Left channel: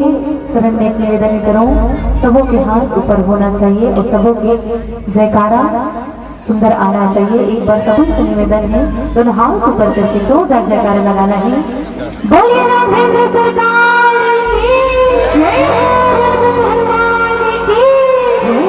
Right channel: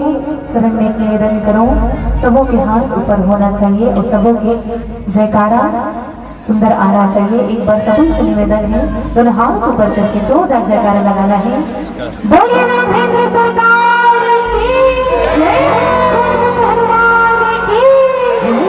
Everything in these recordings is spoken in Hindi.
के चरण में निवेदन करो, सबों के हाथ ऊपर होना चाहिए और सबों के जयकारा सुंदर आना चाहिए। एक बार सभी से निवेदन है, दोनों हाथ ऊपर करके जोरदार जयकारा लगाना है। बोलिए राघवेंद्र सरकार की जय, भगवान की जय।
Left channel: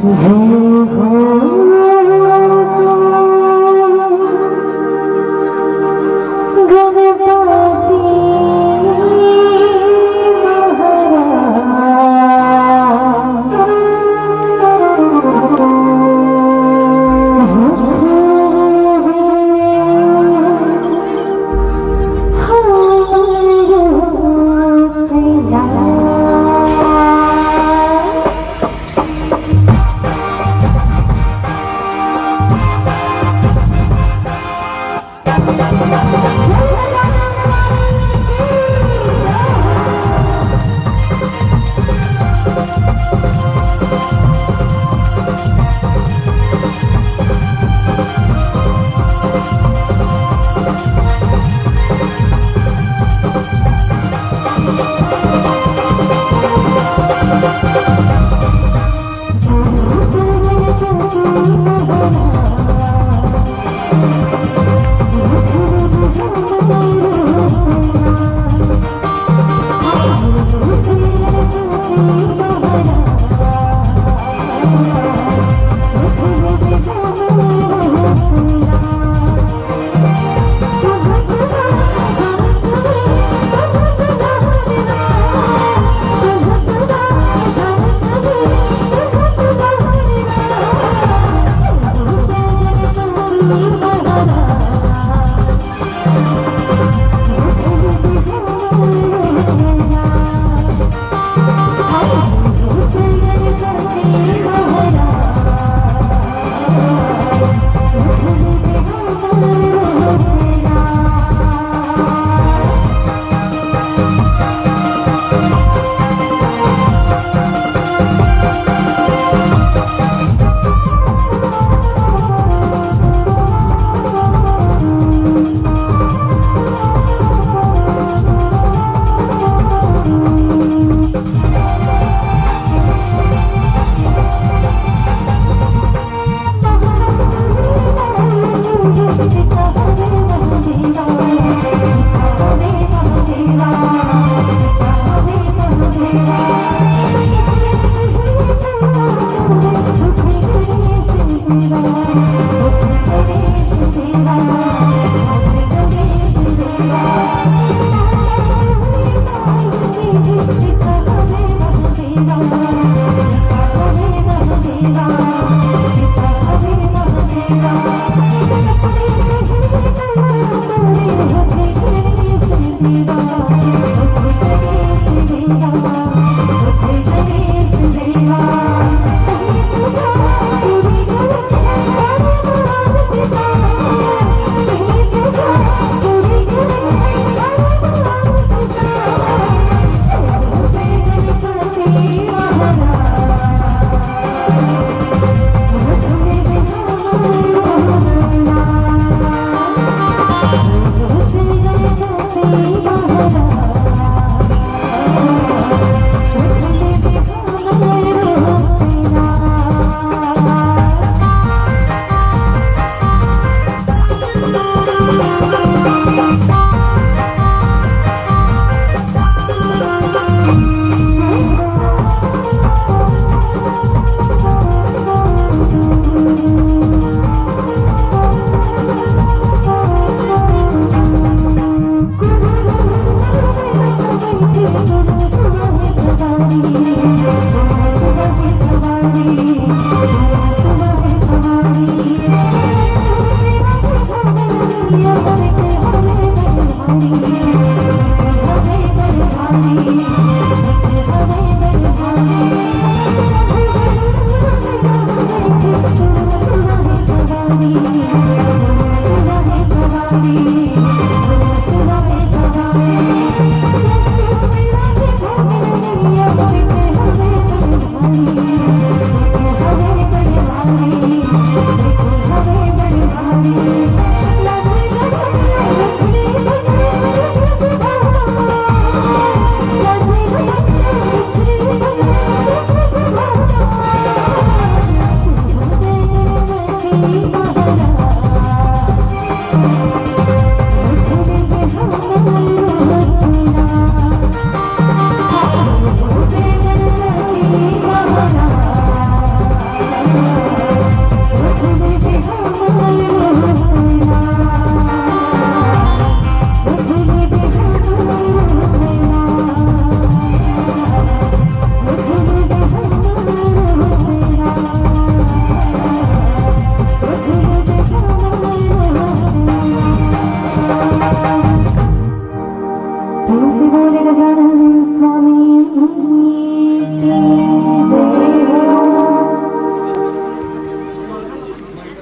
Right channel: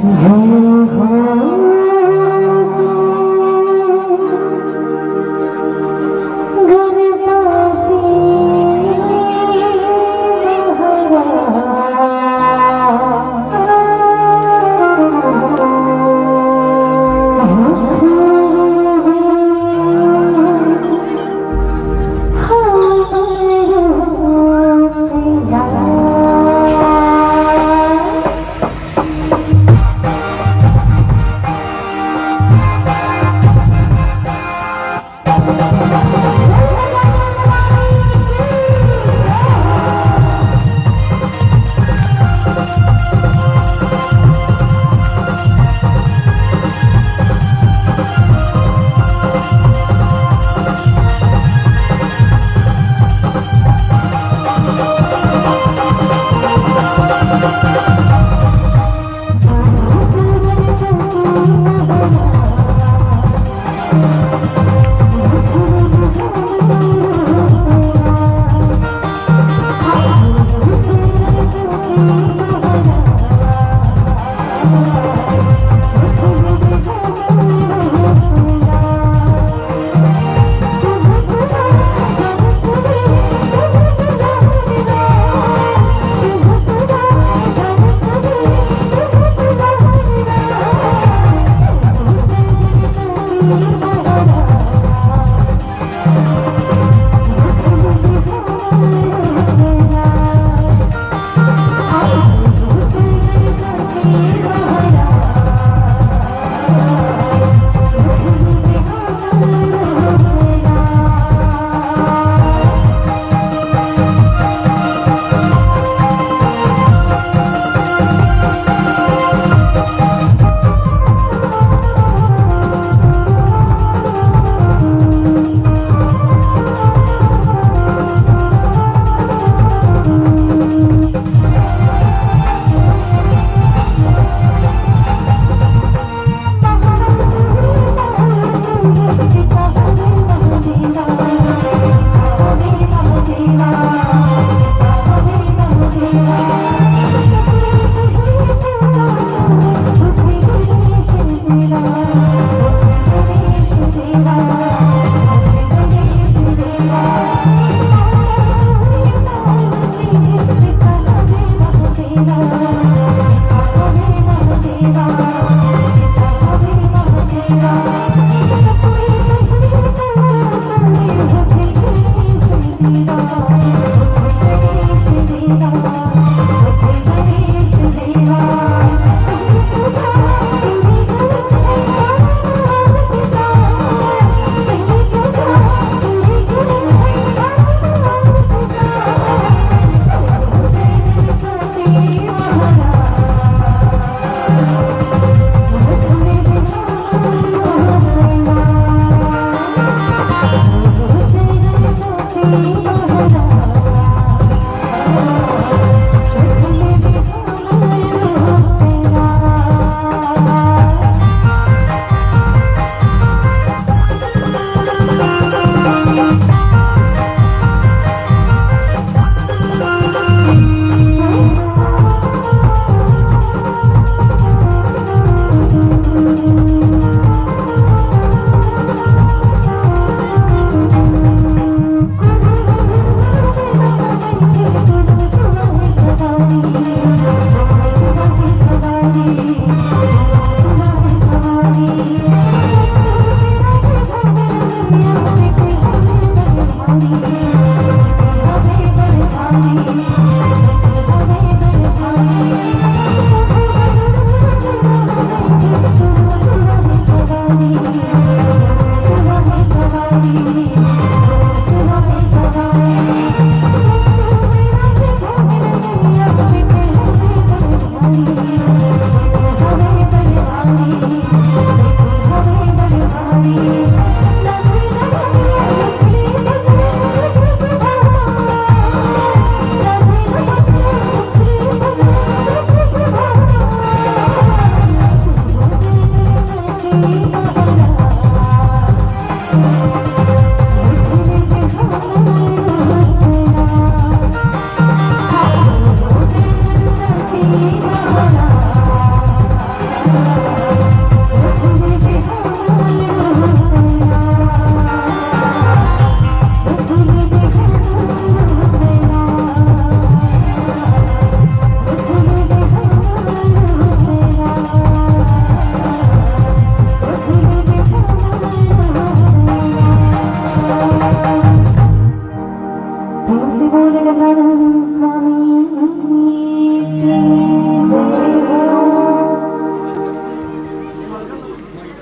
Hare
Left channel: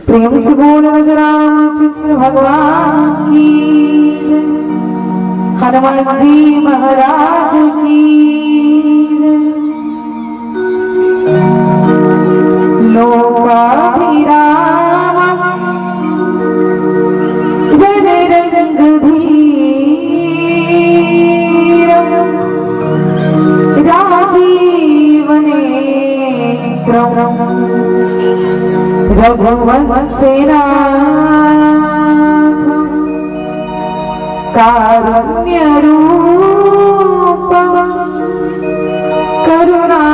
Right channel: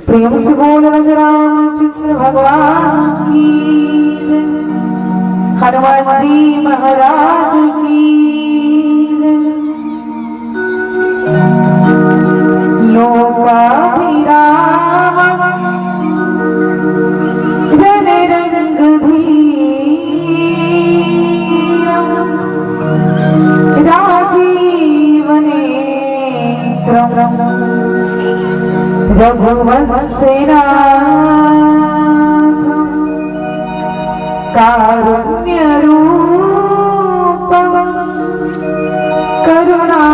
प्रेम से बोले रामचंद्र भगवान की, हनुमान जी महाराज की। लोकाभिराम जन रंग धीर, राजीव नेत्रम रघुवंशनाथ कारुण्य रूपम करुणाकरन्दम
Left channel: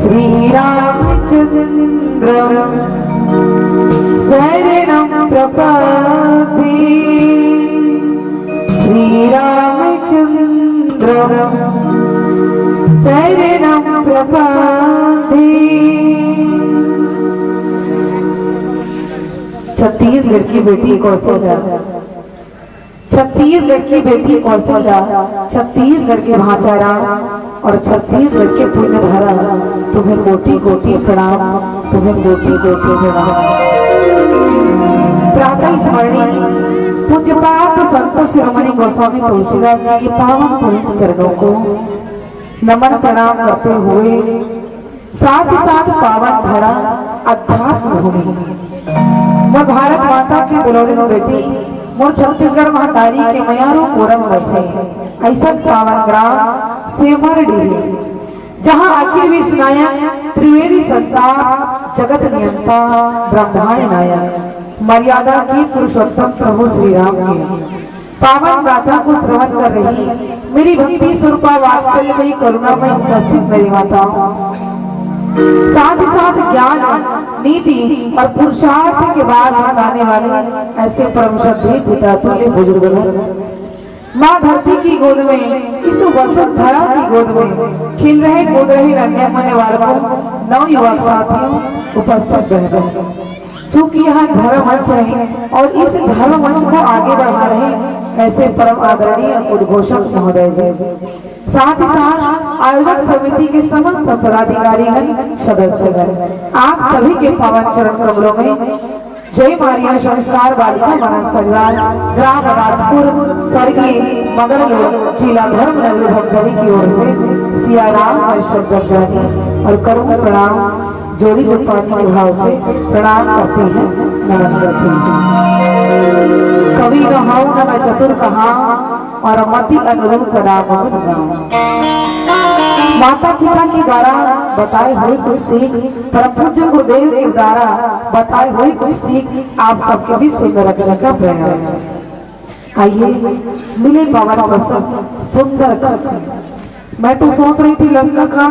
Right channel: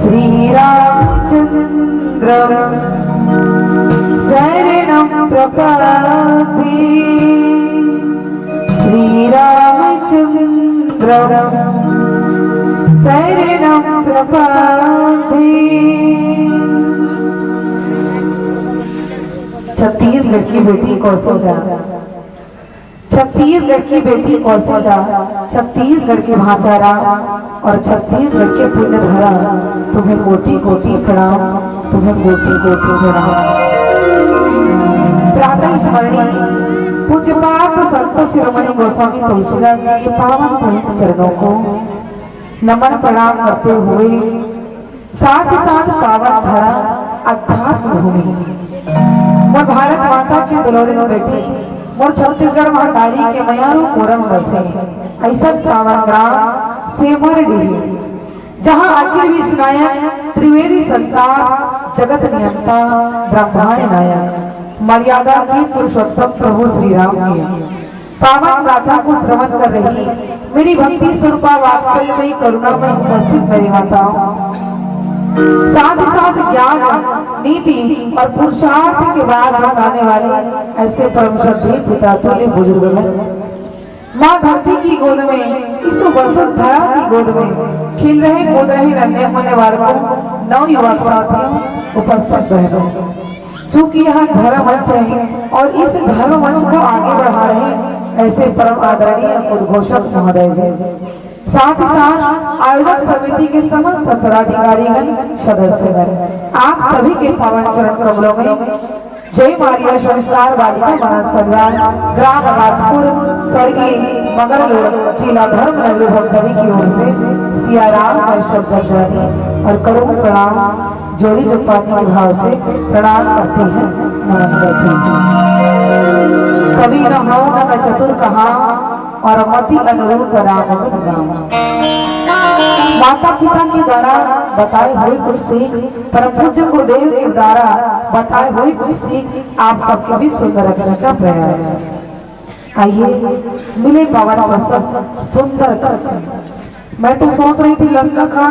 श्रीरामचन्द्रं शरणं प्रपद्ये, श्रीरामचन्द्रं शरणं प्रपद्ये। छत्तीसगढ़ की बेटी कौशल्या, छत्तीसगढ़ की बेटी कौशल्या, छत्तीसगढ़ के भाचारा और छत्तीसगढ़ के पुण्य धरा, तुम्हें कोटि कोटि प्रणाम, तुम्हें कोटि कोटि प्रणाम। प्रातः स्मरणी पूज्य पाप संत शिरोमणि गोस्वामी तुलसीदास जी के पावन पवित्र चरणों को नमन प्रणाम करते हुए साथ ही साथ पावन धरा अध्यात्म भूमि मैं भारत माता की दुलारी बेटी मोर छत्तीसगढ़ महातारी के मयारू पूरन बसे ऐसा पावन ग्राम सेमर डेरी, जहाँ अखिल विश्व नायक त्रिवेदी संतान जगत नियंता ब्रह्मांड नायक मर्यादा की पुरुषोत्तम प्रभु श्री राम के पावन गाथा को श्रवण कर रही मेरी भक्ति स्वरूपा वात्सल्यमयी करुणामयी उपस्थित मेरी माताओं, साथ ही साथ ज्ञान नीति और पुरुषार्थ के बाद बताने वाले ऐसे परम श्रद्धेय पिता तुल्य बुजुर्ग हैं। माँ धरती की गोद में इस वसुंधरा की गोद में खिल रहे कूद रहे रंगे होने वालों को नव युवक साथियों उपस्थित बहनों, चूंकि यहाँ धर्म मंच है और इस धर्म मंच को आगे बढ़ा रहे ऐसे परम आदरणीय उद्घोषक महोदय जी, साथ ही साथ आयोजक समिति के समस्त पदाधिकारीगण सदस्यगण, आप सभी के पवन चरण कमलों में जय मारिया संस्कार बालिका मानस परिवार ग्राम राजपुर स्वर्गीय मगर जिला धर्म नगरी धमतरी की ओर से सियाराम शब्द जारी और करुण प्रणाम जोड़ी जुपानी के भाव से प्रणाम करते हैं, नमन करते हैं। कभी न हो न मैं चतुर कहा और मति अनुरूप राघवन गाँव। माता पिता के द्वारा बताए हुए कुछ सीख, परम पूज्य गुरुदेव के द्वारा बताए हुए कुछ सीख आप सबके भी सुंदर रखने का प्रयास। आइए मिले पवन प्रसव सुंदर कर। मैं तो सोच रही थी लंका का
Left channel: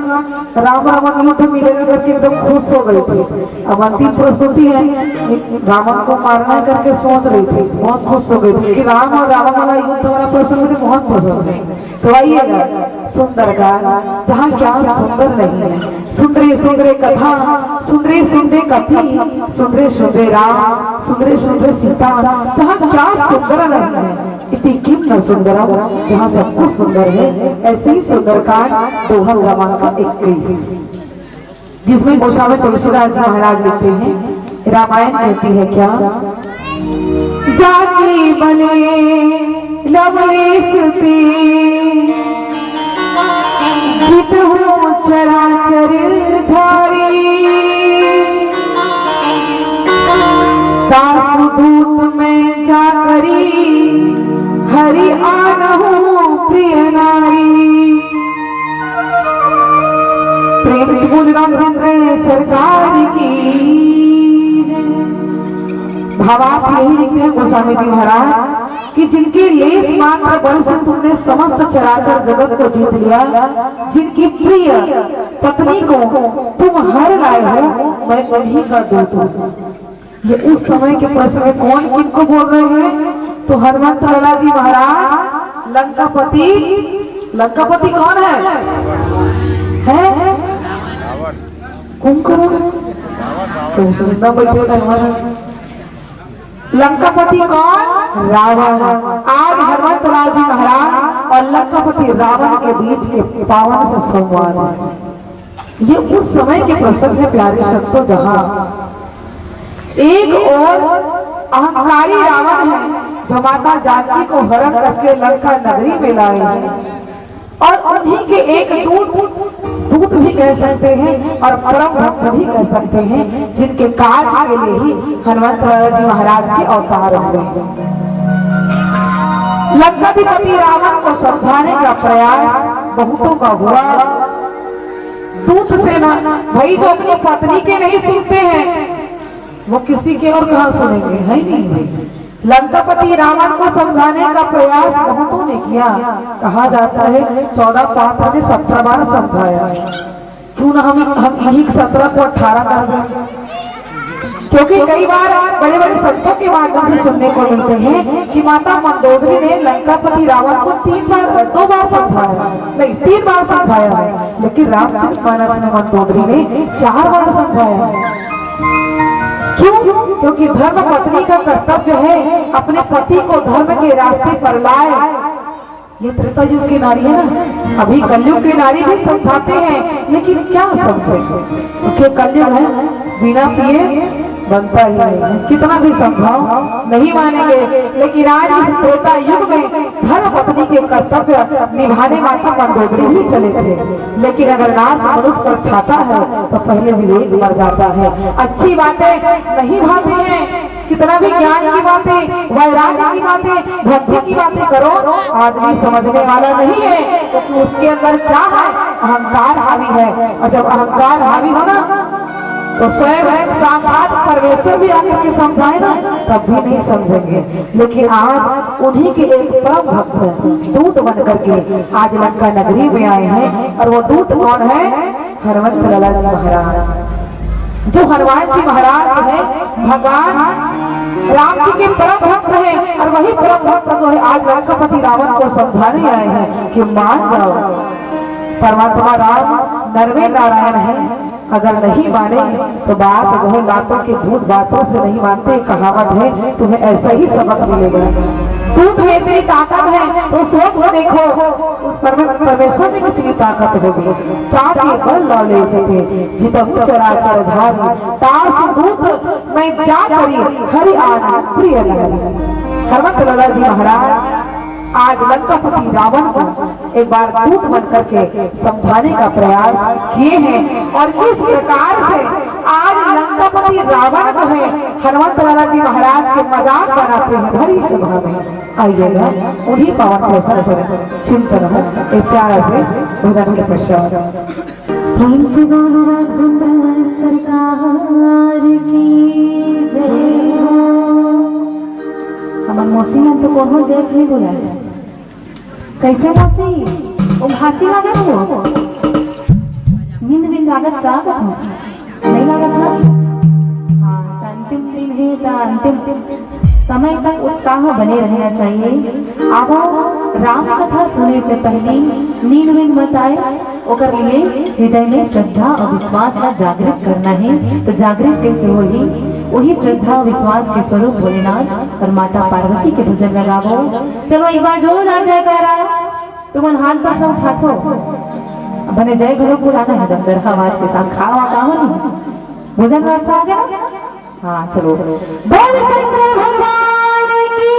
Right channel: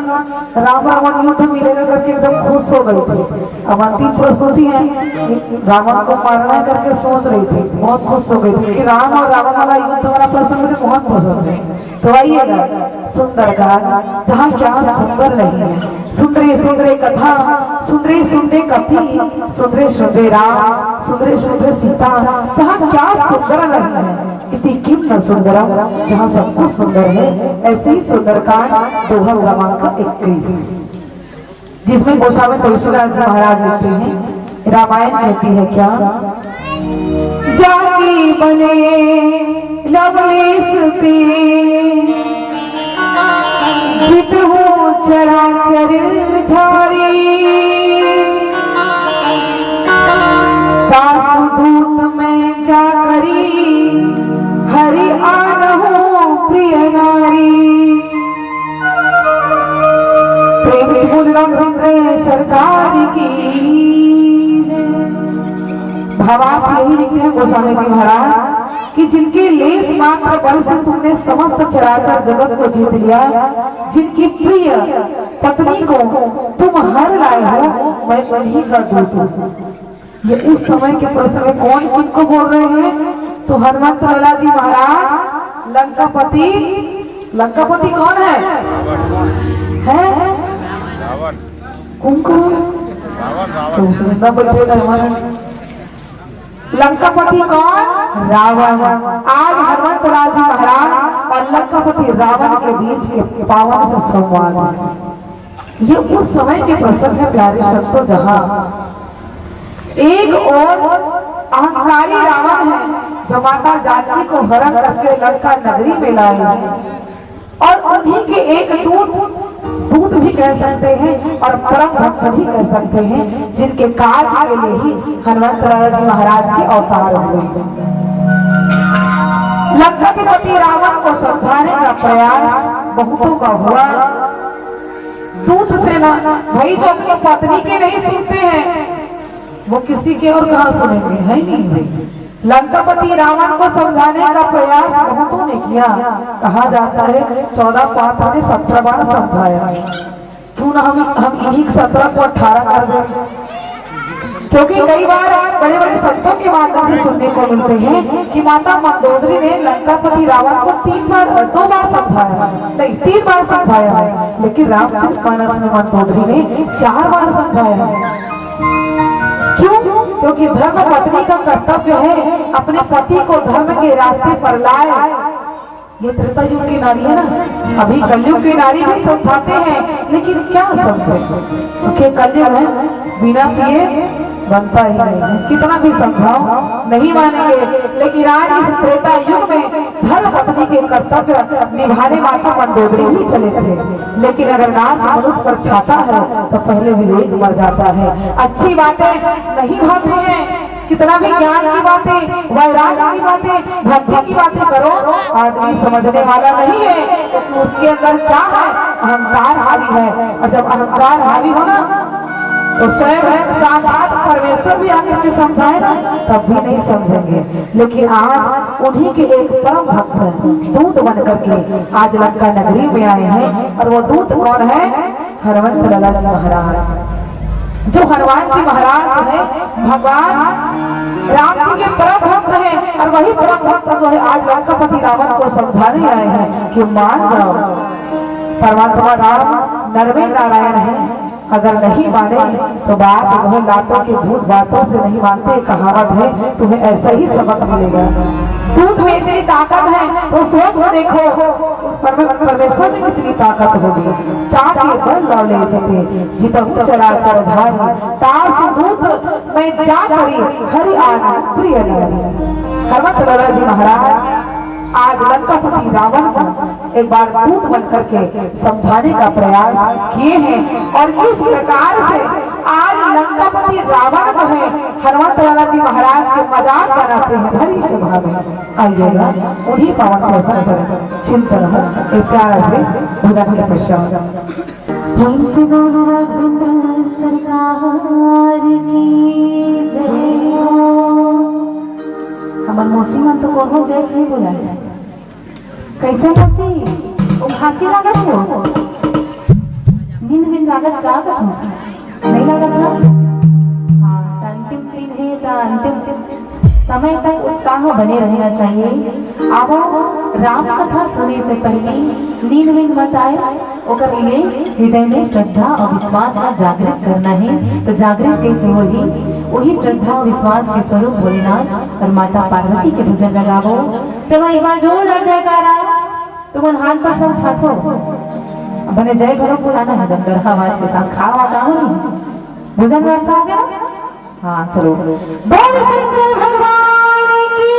राम रावण युद्ध मिलेगा करके एकदम खुश हो गई थी। अब अंतिम प्रस्तुति है, रावण को मारना करके सोच रही थी, बहुत खुश हो गई थी कि राम और रावण वाला युद्ध वाला प्रसंग मुझे बहुत पसंद है। तो आइएगा सुंदर गान, जहाँ क्या सुंदर नहीं है, सुंदरे सुंदरे कथा, सुंदरे सुंदरे कथी, सुंदरे सुंदरे राम, सुंदरे सुंदरे सीता, जहाँ क्या सुंदर नहीं है, इतनी किम सुंदरम, जहाँ सब कुछ सुंदर है। ऐसे ही सुंदरकांड दोहा क्रमांक 21, जिसमें गोस्वामी तुलसीदास जी महाराज लिखते हैं, रामायण कहती है क्या, जाकी बने लवलेश ते जित हो चराचर झारी, दासदूत में जाकरी हरि आनहु प्रिय नारी। प्रेम से बोल रामचंद्र सरकार की। भावार्थ यही लिखे हैं गोस्वामी जी महाराज कि जिनके लेस मात्र बल से तुमने समस्त चराचर जगत को जीत लिया, जिनकी प्रिय पत्नी को तुम हर लाए हो, मैं उन्हीं का दूत हूँ। ये उस समय के प्रसंग में कौन किनको बोल रहे हैं? तो हनुमंत लाला जी महाराज लंकापति। लंकापति कौन है? कौन करो तो सुनना बैठे लंकापति कौन? रावण। आज हनुमंत लाल जी महाराज और लंकापति रावण के बीच के पावन से संवाद है। ये उस समय के प्रसंग है प्यारे शब्दों, जहां एक और अहंकारी रावण है जो माता जानकी को हरण करके लंका नगरी में लाए हैं, और उन्हीं के एक दूत भी कह सकते हैं और परम भक्त भी कह सकते हैं, जिनके कार्य के लिए ही हनुमंत लाला जी महाराज के अवतार हुए। लंकाधिपति रावण को समझाने का प्रयास बहुतों का हुआ। दूत से ना भाई, जो अपनी पत्नी के नहीं सुनते हैं वो किसी के और कहां सुनेंगे, है नहीं भाई। लंकापति रावण को समझाने का प्रयास बहुतों ने किया। कहा जाता है 14 पात्र ने 17 बार समझाया। क्यों ना हम इन्हीं 17 को 18 कर दें, क्योंकि कई बार बड़े बड़े संतों के माध्यम से सुनने को मिलते हैं कि माता मंदोदरी ने लंकापति रावण को 2 बार समझाया, नहीं 3 बार समझाया है, लेकिन रामचरितमानस में मंदोदरी ने 4 बार समझाया है। क्यों? क्योंकि धर्म पत्नी का कर्तव्य है अपने पति को धर्म के रास्ते पर लाए। ये त्रेता युग की नारी है ना, अभी कलयुग की नारी भी समझाते हैं, लेकिन क्या समझे, क्योंकि कलयुग है, बिना पिए बनता ही नहीं, कितना भी समझाओ नहीं मानेंगे। लेकिन आज इस त्रेता युग में धर्म पत्नी के कर्तव्य निभाने माता मंदोदरी ही चले थे, लेकिन अगर नाश मनुष्य पर छाता है तो पहले विवेक मर जाता है। अच्छी बातें नहीं भावी हैं, कितना भी ज्ञान की बातें, वैराग्य की बातें, भक्ति की बातें करो, आदमी समझने वाला नहीं है, क्योंकि उसके अंदर क्या है? अहंकार हावी है, और जब अहंकार हावी होना तो स्वयं साक्षात परमेश्वर भी आकर के समझाए ना, तब भी नहीं समझेंगे। लेकिन आज उन्हीं के एक परम भक्त दूत बन करके आज लंका नगरी में आए हैं, और वो दूत कौन है? हनुमंत लाला जी महाराज। जो हनुमान जी महाराज है भगवान राम जी के परम भक्त है, और वही परम भक्त जो है आज लंकापति रावण को समझाने आए हैं कि मान जाओ, परमात्मा राम नरवे नारायण है, अगर नहीं माने तो बात जो है लातों के भूत बातों से नहीं मानते, कहावत है, तुम्हें ऐसा ही सबक मिलेगा। दूध में इतनी ताकत है तो सोच कर देखो उस परमेश्वर में कितनी ताकत होगी। चाके बल लौले सके जितहु चराचर झारी, तास दूत मैं जा करी हरि आना प्रिय नारी। हनुमंत लाला जी महाराज आज लंकापति रावण को एक बार दूत बन करके समझाने का प्रयास किए हैं, और किस प्रकार से आज लंकापति रावण जो है हनुमंत लाला जी महाराज के मजाक बनाते हैं भरी सभा में। आइएगा उन्हीं पावन प्रसंग पर चिंतन है एक प्यारा से भजन का प्रश्न। सरकार की जय हो। हमर मौसी मन तो को जाए छे बोला कैसे मौसी ओ हंसी लागत हो, नींद नींद लागत का नहीं लागत ना। हाँ अंतिम दिन है तो अंतिम समय तक उत्साह बने रहना चाहिए। अब राम कथा सुने से पहले नींद नींद मत आए, ओकर लिए हृदय में श्रद्धा और विश्वास का जागृत करना है। तो जागृत कैसे होगी? वही श्रद्धा और विश्वास के स्वरूप भोलेनाथ और माता पार्वती के भजन में गावो। चलो एक बार जोरदार जयकारा, तुम हाथ पर सब उठाओ, बने जय घरों बुलाना है दंदर आवाज के साथ। खावा का हो भोजन नाश्ता आ गया ना? हाँ चलो बोल शंकर भगवान की।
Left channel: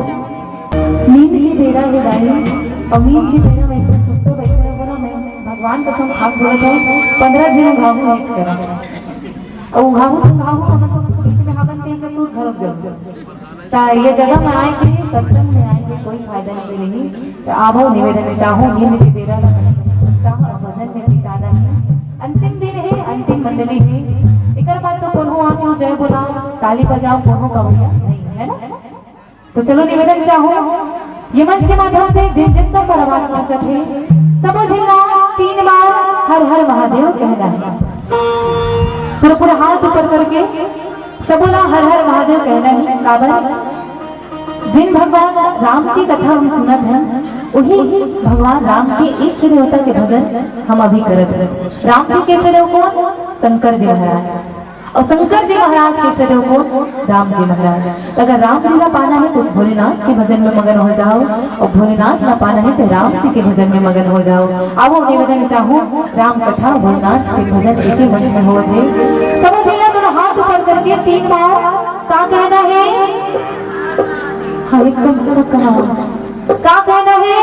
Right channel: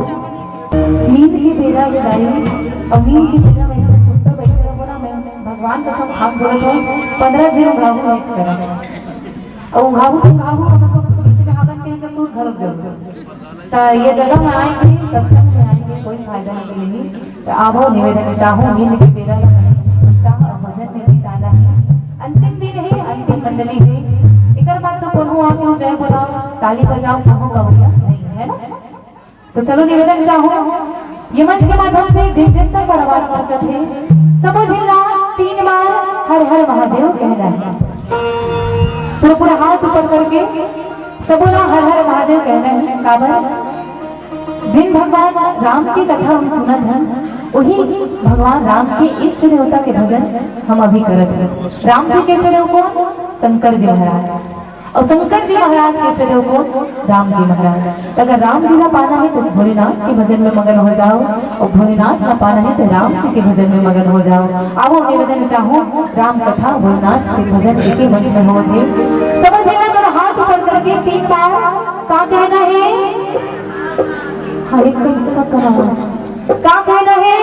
नींद की तेरा वो डाली और नींद की तेरा मैं इसको छुपता बैठे बोला मैं भगवान कसम आप बोले तो 15 दिन घावू मिक्स करें और घावू तो मतलब इसमें हावन के सूद घरक जाओ ता ये जगह में आएंगे सत्संग में आएंगे कोई फायदा नहीं मिलेगी तो आवो निवेदन चाहूं नींद की तेरा भजन में भी दादा अंतिम दिन है अंतिम मंडली है एक बात तो कोनो आके जय बोलाओ ताली बजाओ कहो कहो नहीं है ना तो चलो निवेदन चाहो ये मंच के माध्यम से जिन जिन तक परवान पहुंचत है सबो जिला 3 बार हर हर महादेव कहना है पूरा पूरा हाथ ऊपर करके सबो ना हर हर महादेव कहना है काबर जिन भगवान राम की कथा हम सुनत हैं वही भगवान राम के इष्ट देवता के भजन हम अभी करत हैं राम जी के इष्ट देव कौन शंकर जी महाराज और शंकर जी महाराज के इष्ट देव कौन राम जी महाराज अगर राम जी का पाना है तो भोलेनाथ के भजन में मगन हो जाओ और भोलेनाथ का पाना है तो राम जी के भजन में मगन हो जाओ अब हम निवेदन चाहूँ राम कथा भोलेनाथ के भजन एक ही मंच में हो थे समझ लेना हाथ ऊपर करके 3 बार क्या कहना है एकदम क्या कहना है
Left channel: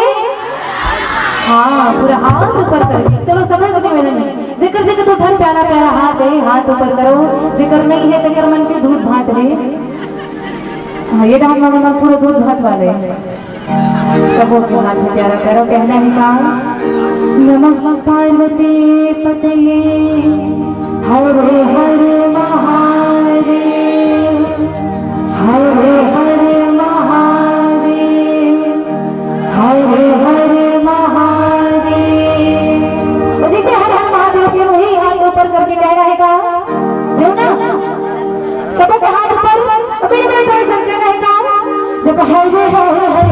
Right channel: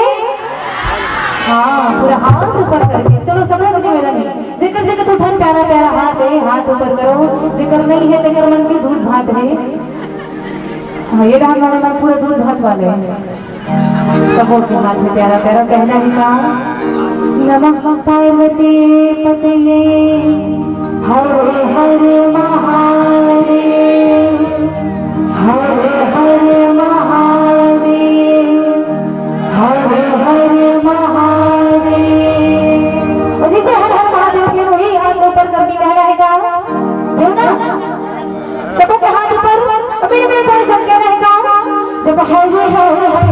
हाँ पूरा हाथ ऊपर करके चलो समझ के मेरा नहीं जिक्र जिक्र तो धन प्यारा प्यारा हाथ है हाथ ऊपर करो जिक्र नहीं है तेरे मन के दूध भात है ये तो हमारे मन पूरे दूध भात वाले सबों के मन में प्यारा प्यारा कहना है का नमः पार्वती पतये हर हर महादेव हर हर महादेव हर हर महादेव और जैसे हर हर महादेव के वही हाथ ऊपर करके कह रहे का यो ना सबके हाथ ऊपर अपने अपने तरह संख्या रहेगा जब हर हर हर हर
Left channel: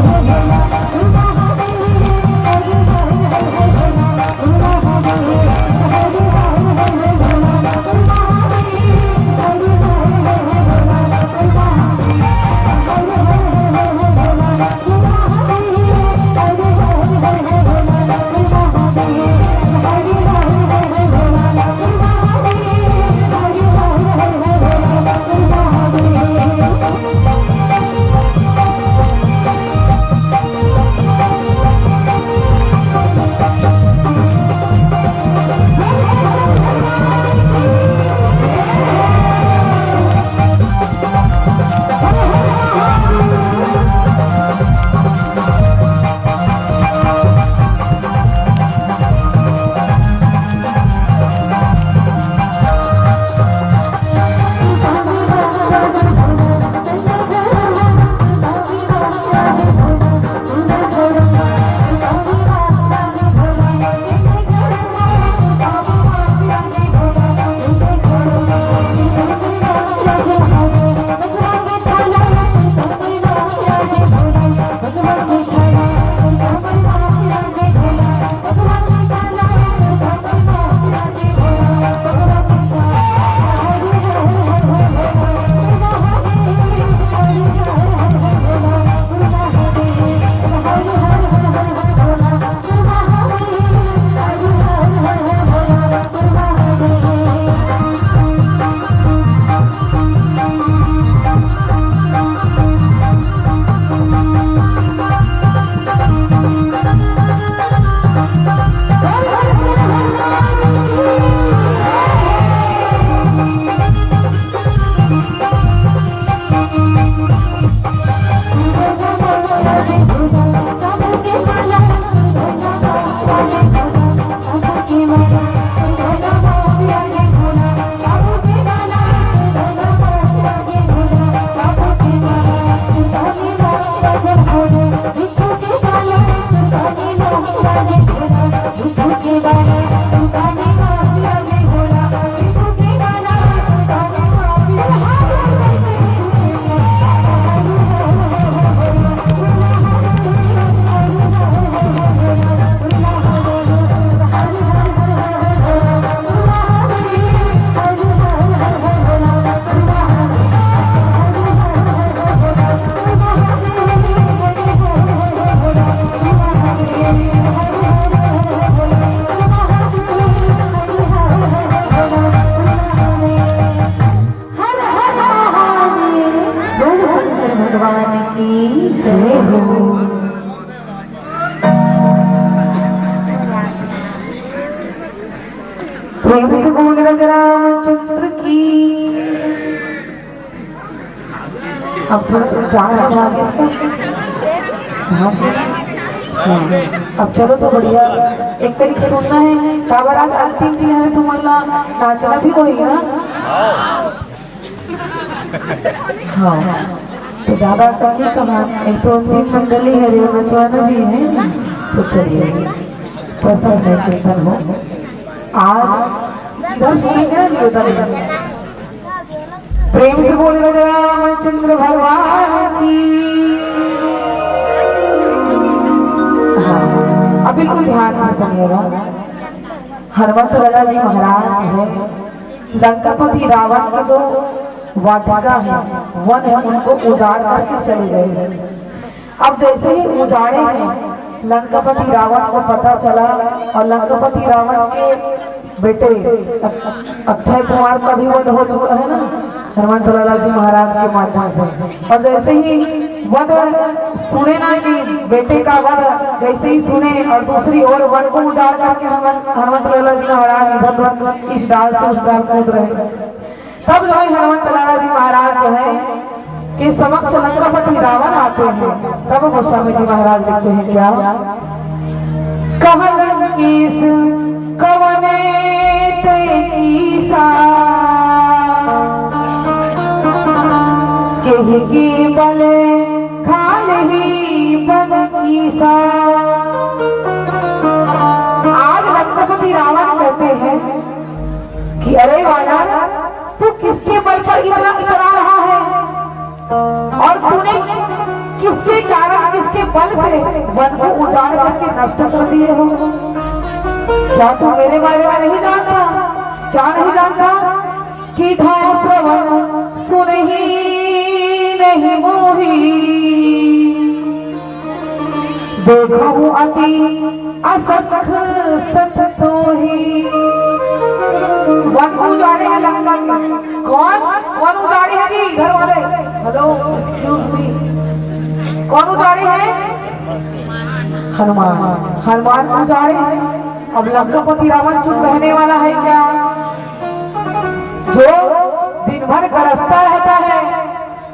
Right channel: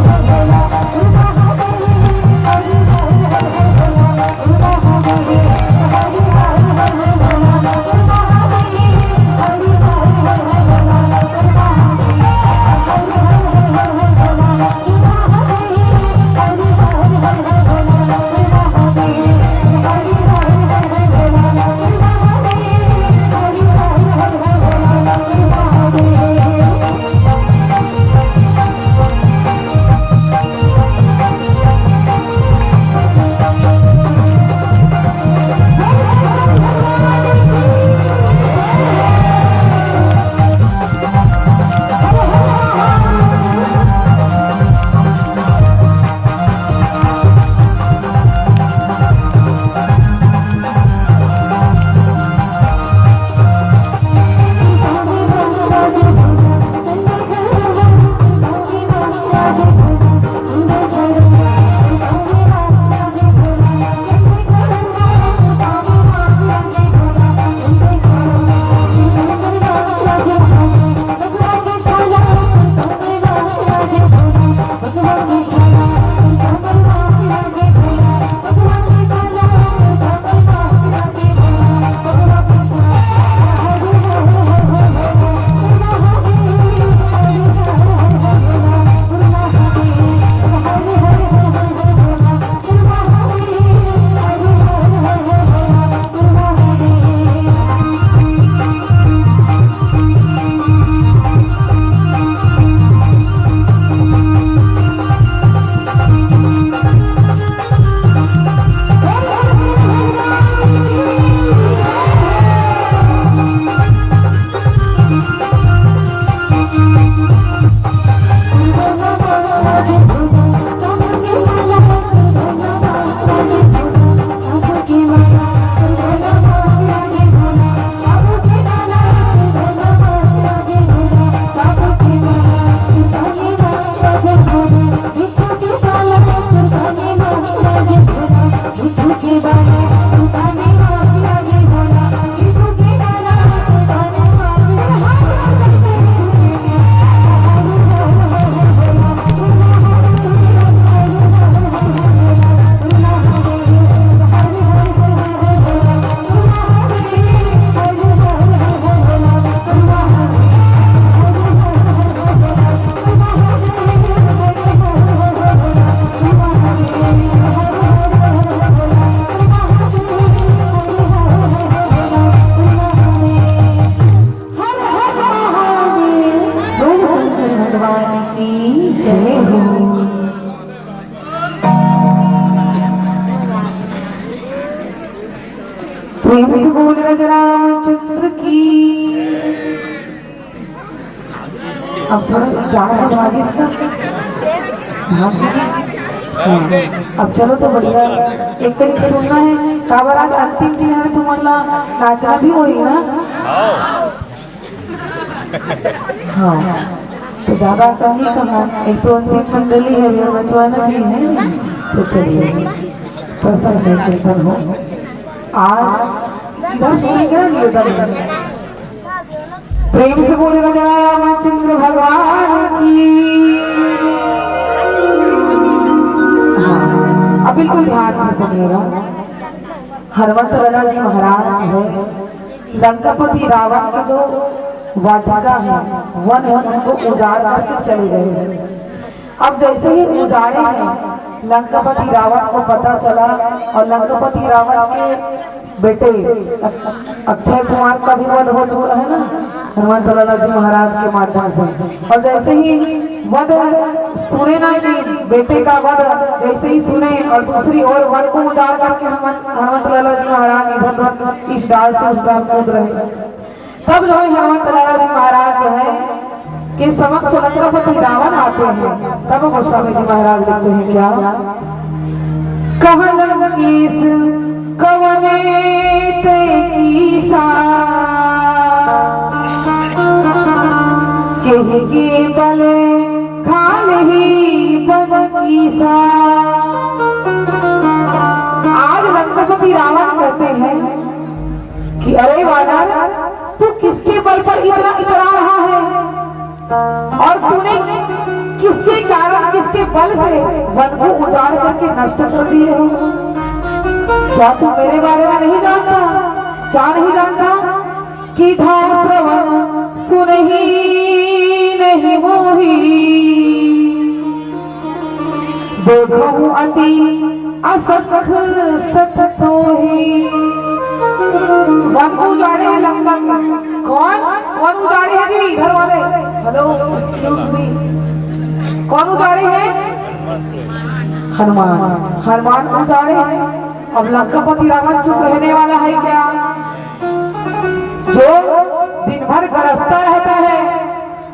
प्रेम से बोल रामचंद्र की। अब थोड़ा जा रहा है अब चलो तो बढ़िया एक कड़ी सुनना है काबर आज अंतिम दिन है तुम्हारा नाचना भी होगी ना। हाँ तो ज्यादा कहीं कहा एक तो अंतिम मंडली है रे नचवाना भी है तो चलिए प्रसन्न है कीर्तन हो आज 10 मिनट प्रेम से बोले रामचंद्र भगवान की। अब बिल्कुल ध्यान से सुनिएगा। हनुमंत लाला जी महाराज है लंकापति रावण के जो वाटिका है वन है उनको उजाड़ करके चले गए। अब जैसे ही उजाड़े हैं लंकापति रावण को पता चला और लंकापति रावण के बेटे अक्षय कुमार का भी वध हो चुका है ना हनुमंत लाला जी महाराज के माध्यम से। और जैसे ही वध सुने ना कि बेटे का वध जैसे ही सुने और दूसरी ओर वन को उजाड़ करके हनुमंत लाला जी महाराज इधर इस डाल से उस डाल कूद रहे। तब जो है हनुमंत लाला जी महाराज जो है कि समक्ष लंकापति रावण आते हैं। तब गोस्वामी जी महाराज लिखते हैं क्या कहलन किस कवने के बले खाल ही बन कीसा। आज लंकापति रावण कहते हैं कि अरे वानर तू किसके बल पर इतना इतरा रहा है और तूने किसके कारण किसके बल से वन को उजाड़ करके नष्ट कर दिए हो। क्या तू मेरे बारे में नहीं जानता क्या नहीं जानता कि श्रवण सुन ही नहीं मोही देखो अति असख सत तो ही। वन को उजाड़े हैं लंका कौन कौन उजाड़े हैं जी इधर वाले हेलो एक्सक्यूज मी कौन उजाड़े हैं हनुमान हनुमान उजाड़े हैं। अब लंकापति रावण चुप रहने वाला है क्या जो दिन भर गरजता रहता है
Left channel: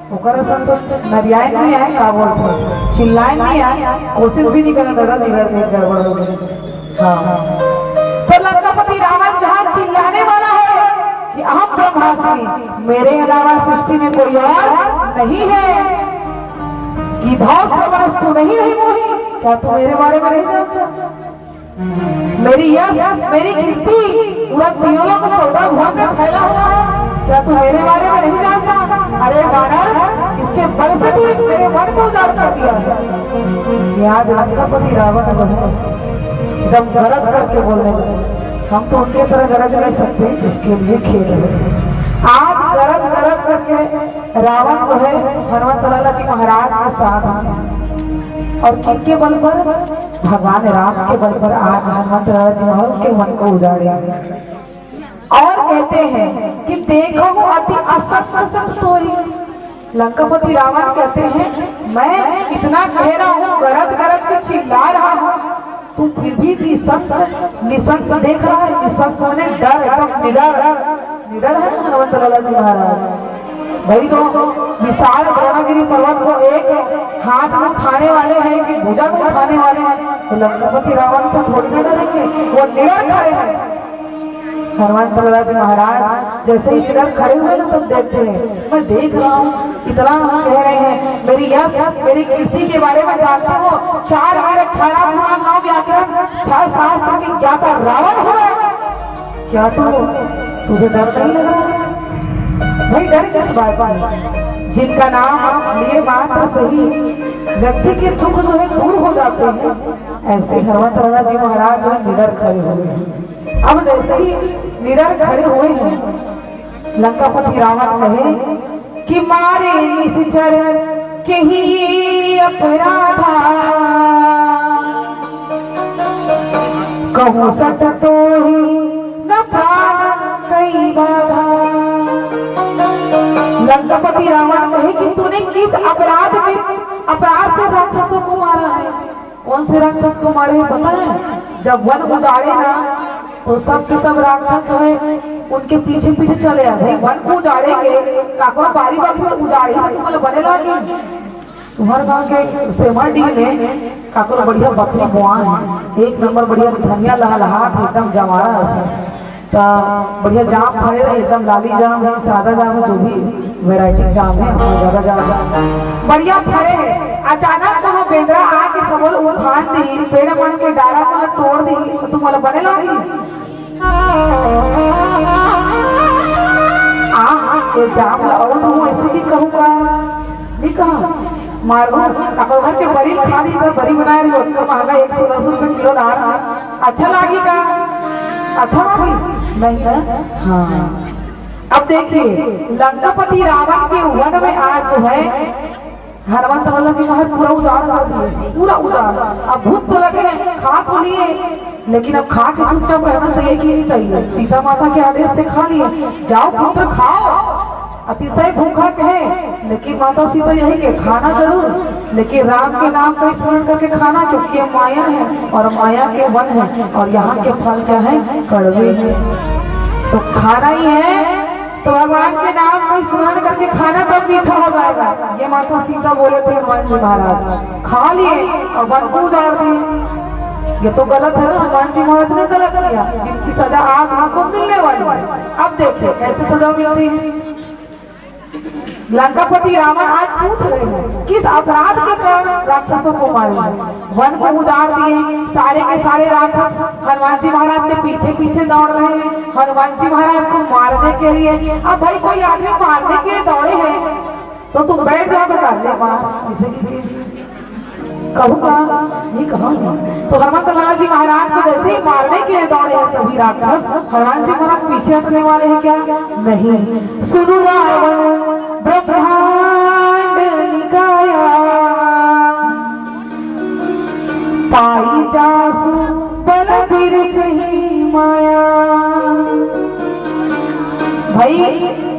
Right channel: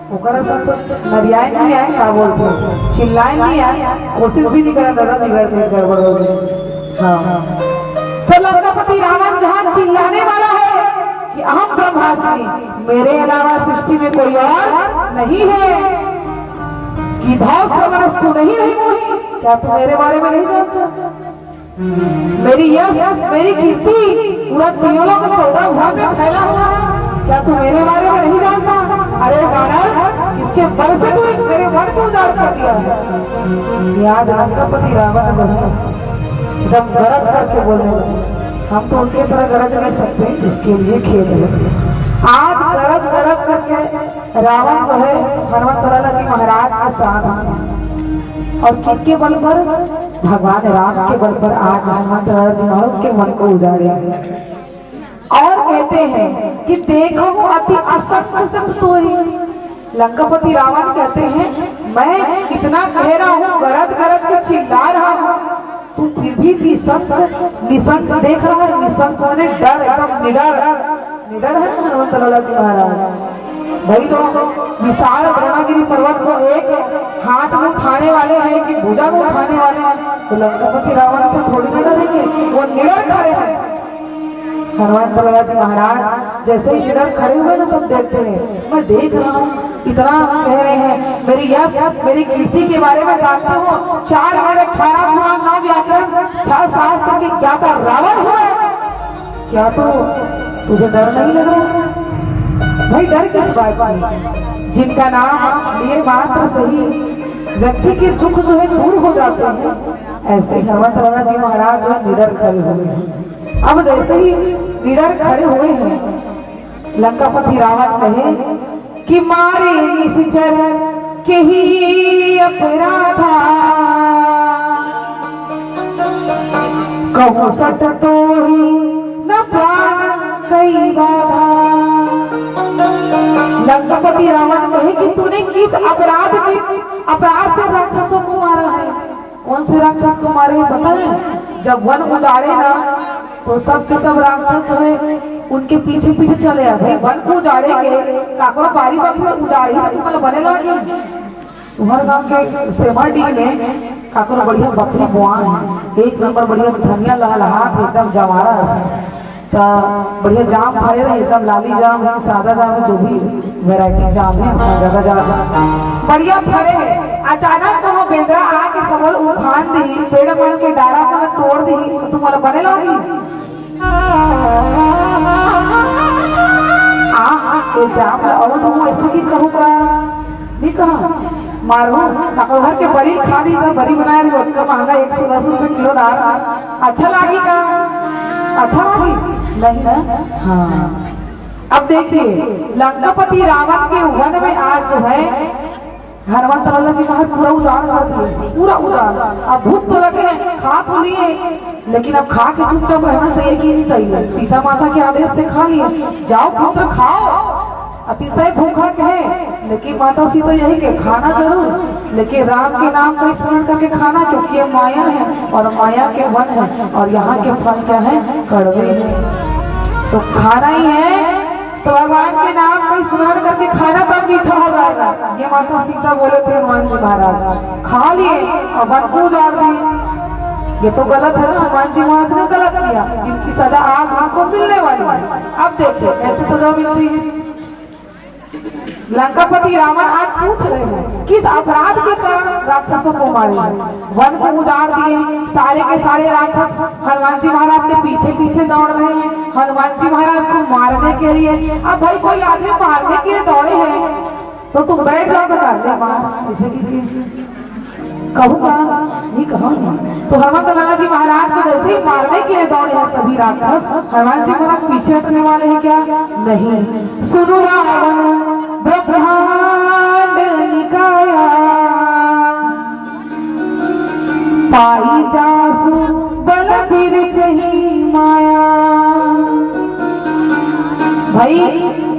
वो गरजन तो नरियाए नहीं आए क्या बोलते चिल्लाए नहीं आए कोशिश भी नहीं करें गड़बड़ हो गई। तो लंकापति रावण जहाँ चिल्लाने वाला है कि अहम ब्रह्मास्मि मेरे अलावा सृष्टि में कोई और नहीं है कि श्रवण सुन ही नहीं मोही। क्या तू मेरे बारे में नहीं जानता मेरी यश मेरी कीर्ति पूरा पियोला को 14 भाग में फैला हुआ है। क्या तू मेरे बारे में नहीं जानता। अरे वानर इसके बल से तू मेरे मन को उजाड़ कर दिया है। आज लंकापति रावण जो है एकदम गरज करके बोलने लगे। हम तो उनकी तरह गरज नहीं सकते इसके लिए खेल रहे। आज गरज गरज करके रावण जो है हनुमंत लाला जी महाराज के साथ और किसके बल पर भगवान राम के बल पर आज हनुमंत लाला जी महाराज के मन को उजाड़े और कहते हैं कि देखो अति असत्य संतोरी। लंकापति रावण कहते हैं मैं इतना कह रहा हूँ गरज गरज के चिल्ला रहा हूँ तू फिर भी निसंत देख रहा है। निसंत मैंने डर एकदम निडर है हनुमंत लाला जी महाराज। भाई तो विशाल द्रोणागिरी पर्वत को एक हाथ में उठाने वाले हैं कि भुजा में उठाने वाले हैं तो लंकापति रावण से थोड़ी ना डरेंगे वो निडर खड़े हैं। हनुमंत लाला जी महाराज जैसे ही निडर खड़े हुए ना तब देखते हैं मैं देख रहा हूँ इतना कह रहे हैं मेरी यश मेरी कीर्ति के बारे में जानते हो 4 और 18 पुराण 9 व्याकरण 6 शास्त्र की ज्ञाता रावण हुआ क्या तो तुझे डर नहीं लग रहा भाई। डर किस बात का जिनका नाम लिए मात्र सही व्यक्ति के दुख जो है दूर हो जाते हैं ऐसे हनुमंत लाला जी महाराज जो निडर खड़े हुए हैं। अब जैसे ही निडर खड़े हुए हैं लंकापति रावण कहे कि मारे निश्चर के ही अपराधा कहूँ सत तो ही न प्राण कई बाधा। लंकापति रावण कहे कि तूने किस अपराध से राक्षसों को मारा है। कौन से राक्षस को मारे पता है जब वन उजाड़े ना तो सब के सब राक्षस जो है उनके पीछे पीछे चले आ भाई वन को उजाड़ेंगे काकरो बारी बारी में उजाड़ी तो तुम्हें बने लागे। तुम्हारे गांव के सेमरडी में काकरो बढ़िया बकरी बुआ है, एक नंबर बढ़िया धनिया लहलहात एकदम जवारा तो बढ़िया जाम भरे रहे एकदम लाली जाम है सादा जाम है जो भी वैरायटी जाम है ज्यादा ज्यादा बढ़िया भरे है। अचानक तो बेदरा आके सबल उखान दी पेड़ मन के डारा मन तोड़ दी तो तुम्हारा बने लागी जाम और तुम ऐसे भी कहूँगा नहीं कहा मारू घर के बरी खा दी था बरी बनाए दी उतना महंगा 110 रुपए किलो दाल अच्छा लागी का अच्छा लगी नहीं है। हाँ अब देखिए लंकापति रावण के वन में आज जो है हनुमान तल्ला जी का पूरा उजाड़ कर दिए पूरा उजाड़। अब भूख तो लगे हैं खा तो लिए लेकिन अब खा के चुपचाप रहना चाहिए कि नहीं चाहिए। सीता माता के आदेश से खा लिए जाओ पुत्र खाओ अतिशय भूखा कहे लेकिन माता सीता यही के खाना जरूर लेकिन राम के नाम का स्मरण करके खाना क्योंकि ये माया है और माया के वन है और यहाँ के फल क्या है कड़वे हैं तो खाना ही है तो भगवान के नाम का स्मरण करके खाना तब मीठा हो जाएगा। ये माता सीता बोले थे हनुमान जी महाराज खा लिए और वन को उजाड़ दिए। ये तो गलत है ना हनुमान जी महाराज ने गलत किया इनकी सजा आज उनको मिलने वाली है। अब देखिए कैसे सजा मिलती है। लंकापति रावण आज पूछ रहे हैं किस अपराध के कारण राक्षसों को मारे वन को उजाड़ दिए सारे के सारे राक्षस हनुमान जी महाराज के पीछे पीछे दौड़ रहे हैं हनुमान जी महाराज को मारने के लिए। अब भाई कोई आदमी मारने के लिए दौड़े हैं तो तुम बैठ जाओगे ले मार इसे कहूँगा नहीं कहूँगी तो हनुमान जी महाराज को जैसे ही मारने के लिए दौड़े हैं सभी राक्षस हनुमान जी महाराज पीछे हटने वाले हैं क्या नहीं। सुनो रावण ब्रह्मांड निकाया पाई जासु बल फिर चही माया। भाई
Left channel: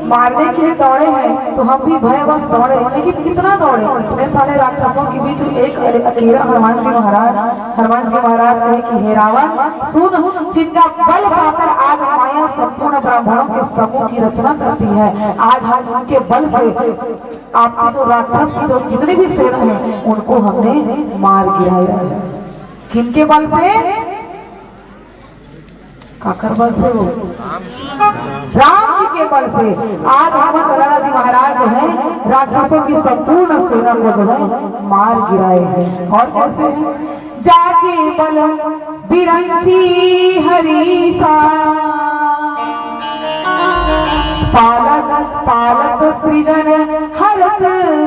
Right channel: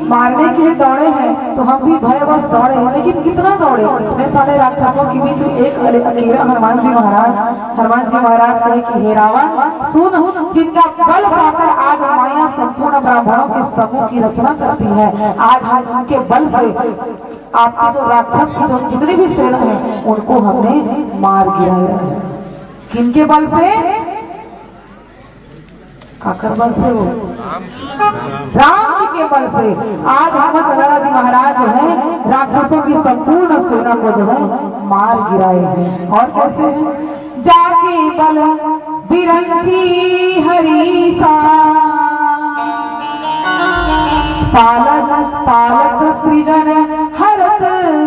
मारने के लिए दौड़े हैं तो हम भी भयवश दौड़े लेकिन कितना दौड़े इतने सारे राक्षसों के बीच में एक अकेला हनुमान जी महाराज कहे कि हे रावण सुन जिनका बल पाकर आज माया संपूर्ण ब्राह्मणों के समूह की रचना करती है आज उनके बल से आपके जो राक्षस की जो जितने भी सेना है उनको हमने मार गिराया है। किनके बल से काकर बल से वो राम जी के बल से आज हनुमान जी महाराज जो है राक्षसों की संपूर्ण सेना को जो है मार गिराए हैं। और कैसे जाके बल बिरंची हरीसा पालक पालक सृजन हरत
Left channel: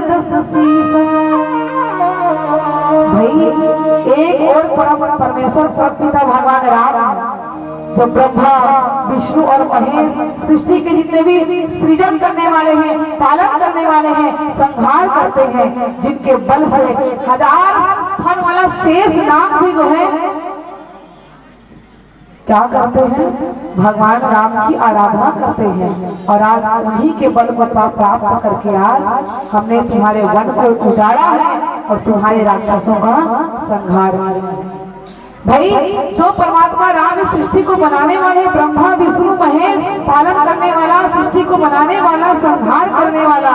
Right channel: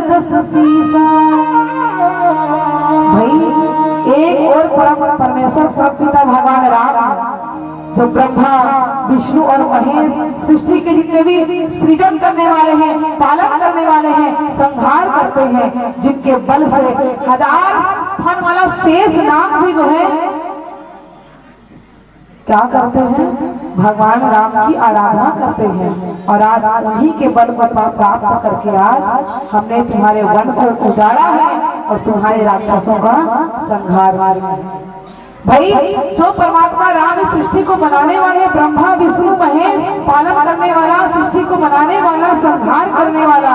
दस सीसा। भाई एक और परम परमेश्वर परमपिता भगवान राम जो ब्रह्मा विष्णु और महेश सृष्टि के जितने भी सृजन करने वाले हैं पालन करने वाले हैं संहार करते हैं जिनके बल से हजार फन वाला शेष नाग भी जो है क्या करते हैं भगवान राम की आराधना करते हैं। और आज उन्हीं के बल को प्राप्त करके आज हमने तुम्हारे वन को उजाड़ा है और तुम्हारे राक्षसों का संहार है। भाई जो परमात्मा राम सृष्टि को बनाने वाले ब्रह्मा विष्णु महेश पालन करने वाला सृष्टि को बनाने वाला संहार करने वाला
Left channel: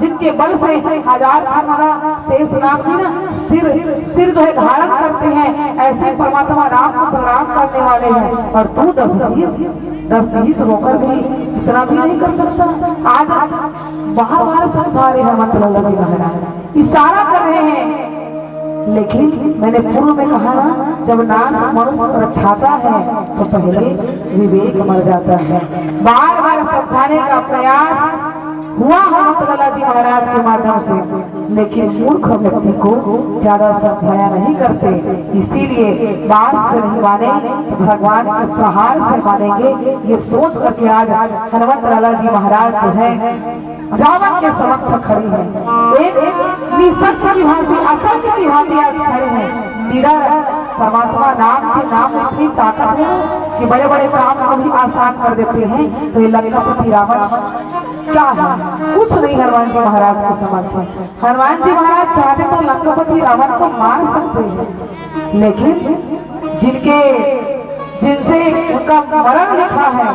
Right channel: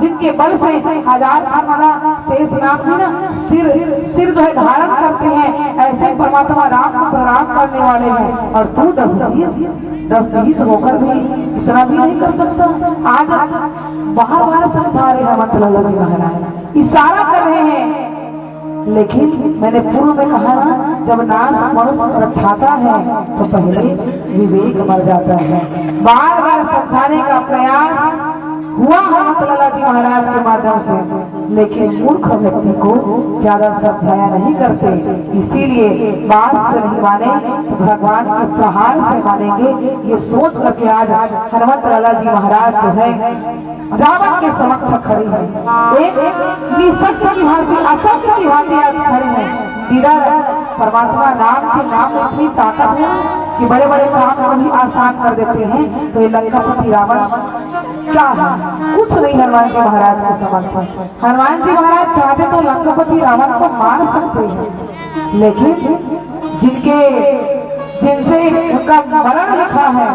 जिनके बल से हजार वाला शेष नाम भी ना सिर जो है धारण करते हैं ऐसे परमात्मा राम को प्रणाम करने वाले हैं। और तू 10-20 रोकर भी इतना भी नहीं कर सकता। आज बार समझा रहे हैं मंत्र जी महाराज इशारा कर रहे हैं लेकिन मैंने पूर्व में कहा जब नाश मनुष्य रक्षाता है तो पहले विवेक मर जाता है। बार बार समझाने का प्रयास हुआ हनुमान जी महाराज के माध्यम से लेकिन मूर्ख व्यक्ति को ज्यादा समझाया नहीं करते इसीलिए बात से नहीं माने तो भगवान के प्रहार से मानेंगे ये सोच करके आज हनुमान जी महाराज जो है रावण के समक्ष खड़े हैं। एक निसत्य की भांति असत्य की भांति आज खड़े हैं। निडर परमात्मा नाम के नाम में इतनी ताकत है कि बड़े बड़े काम को भी आसान कर देते हैं। तो ये लंकापति रावण क्या है कुछ नहीं हनुमान जी महाराज के समक्ष है। हनुमान जी महाराज चाहते तो लंकापति रावण को मार सकते हैं लेकिन जिनसे उनका मरण लिखा है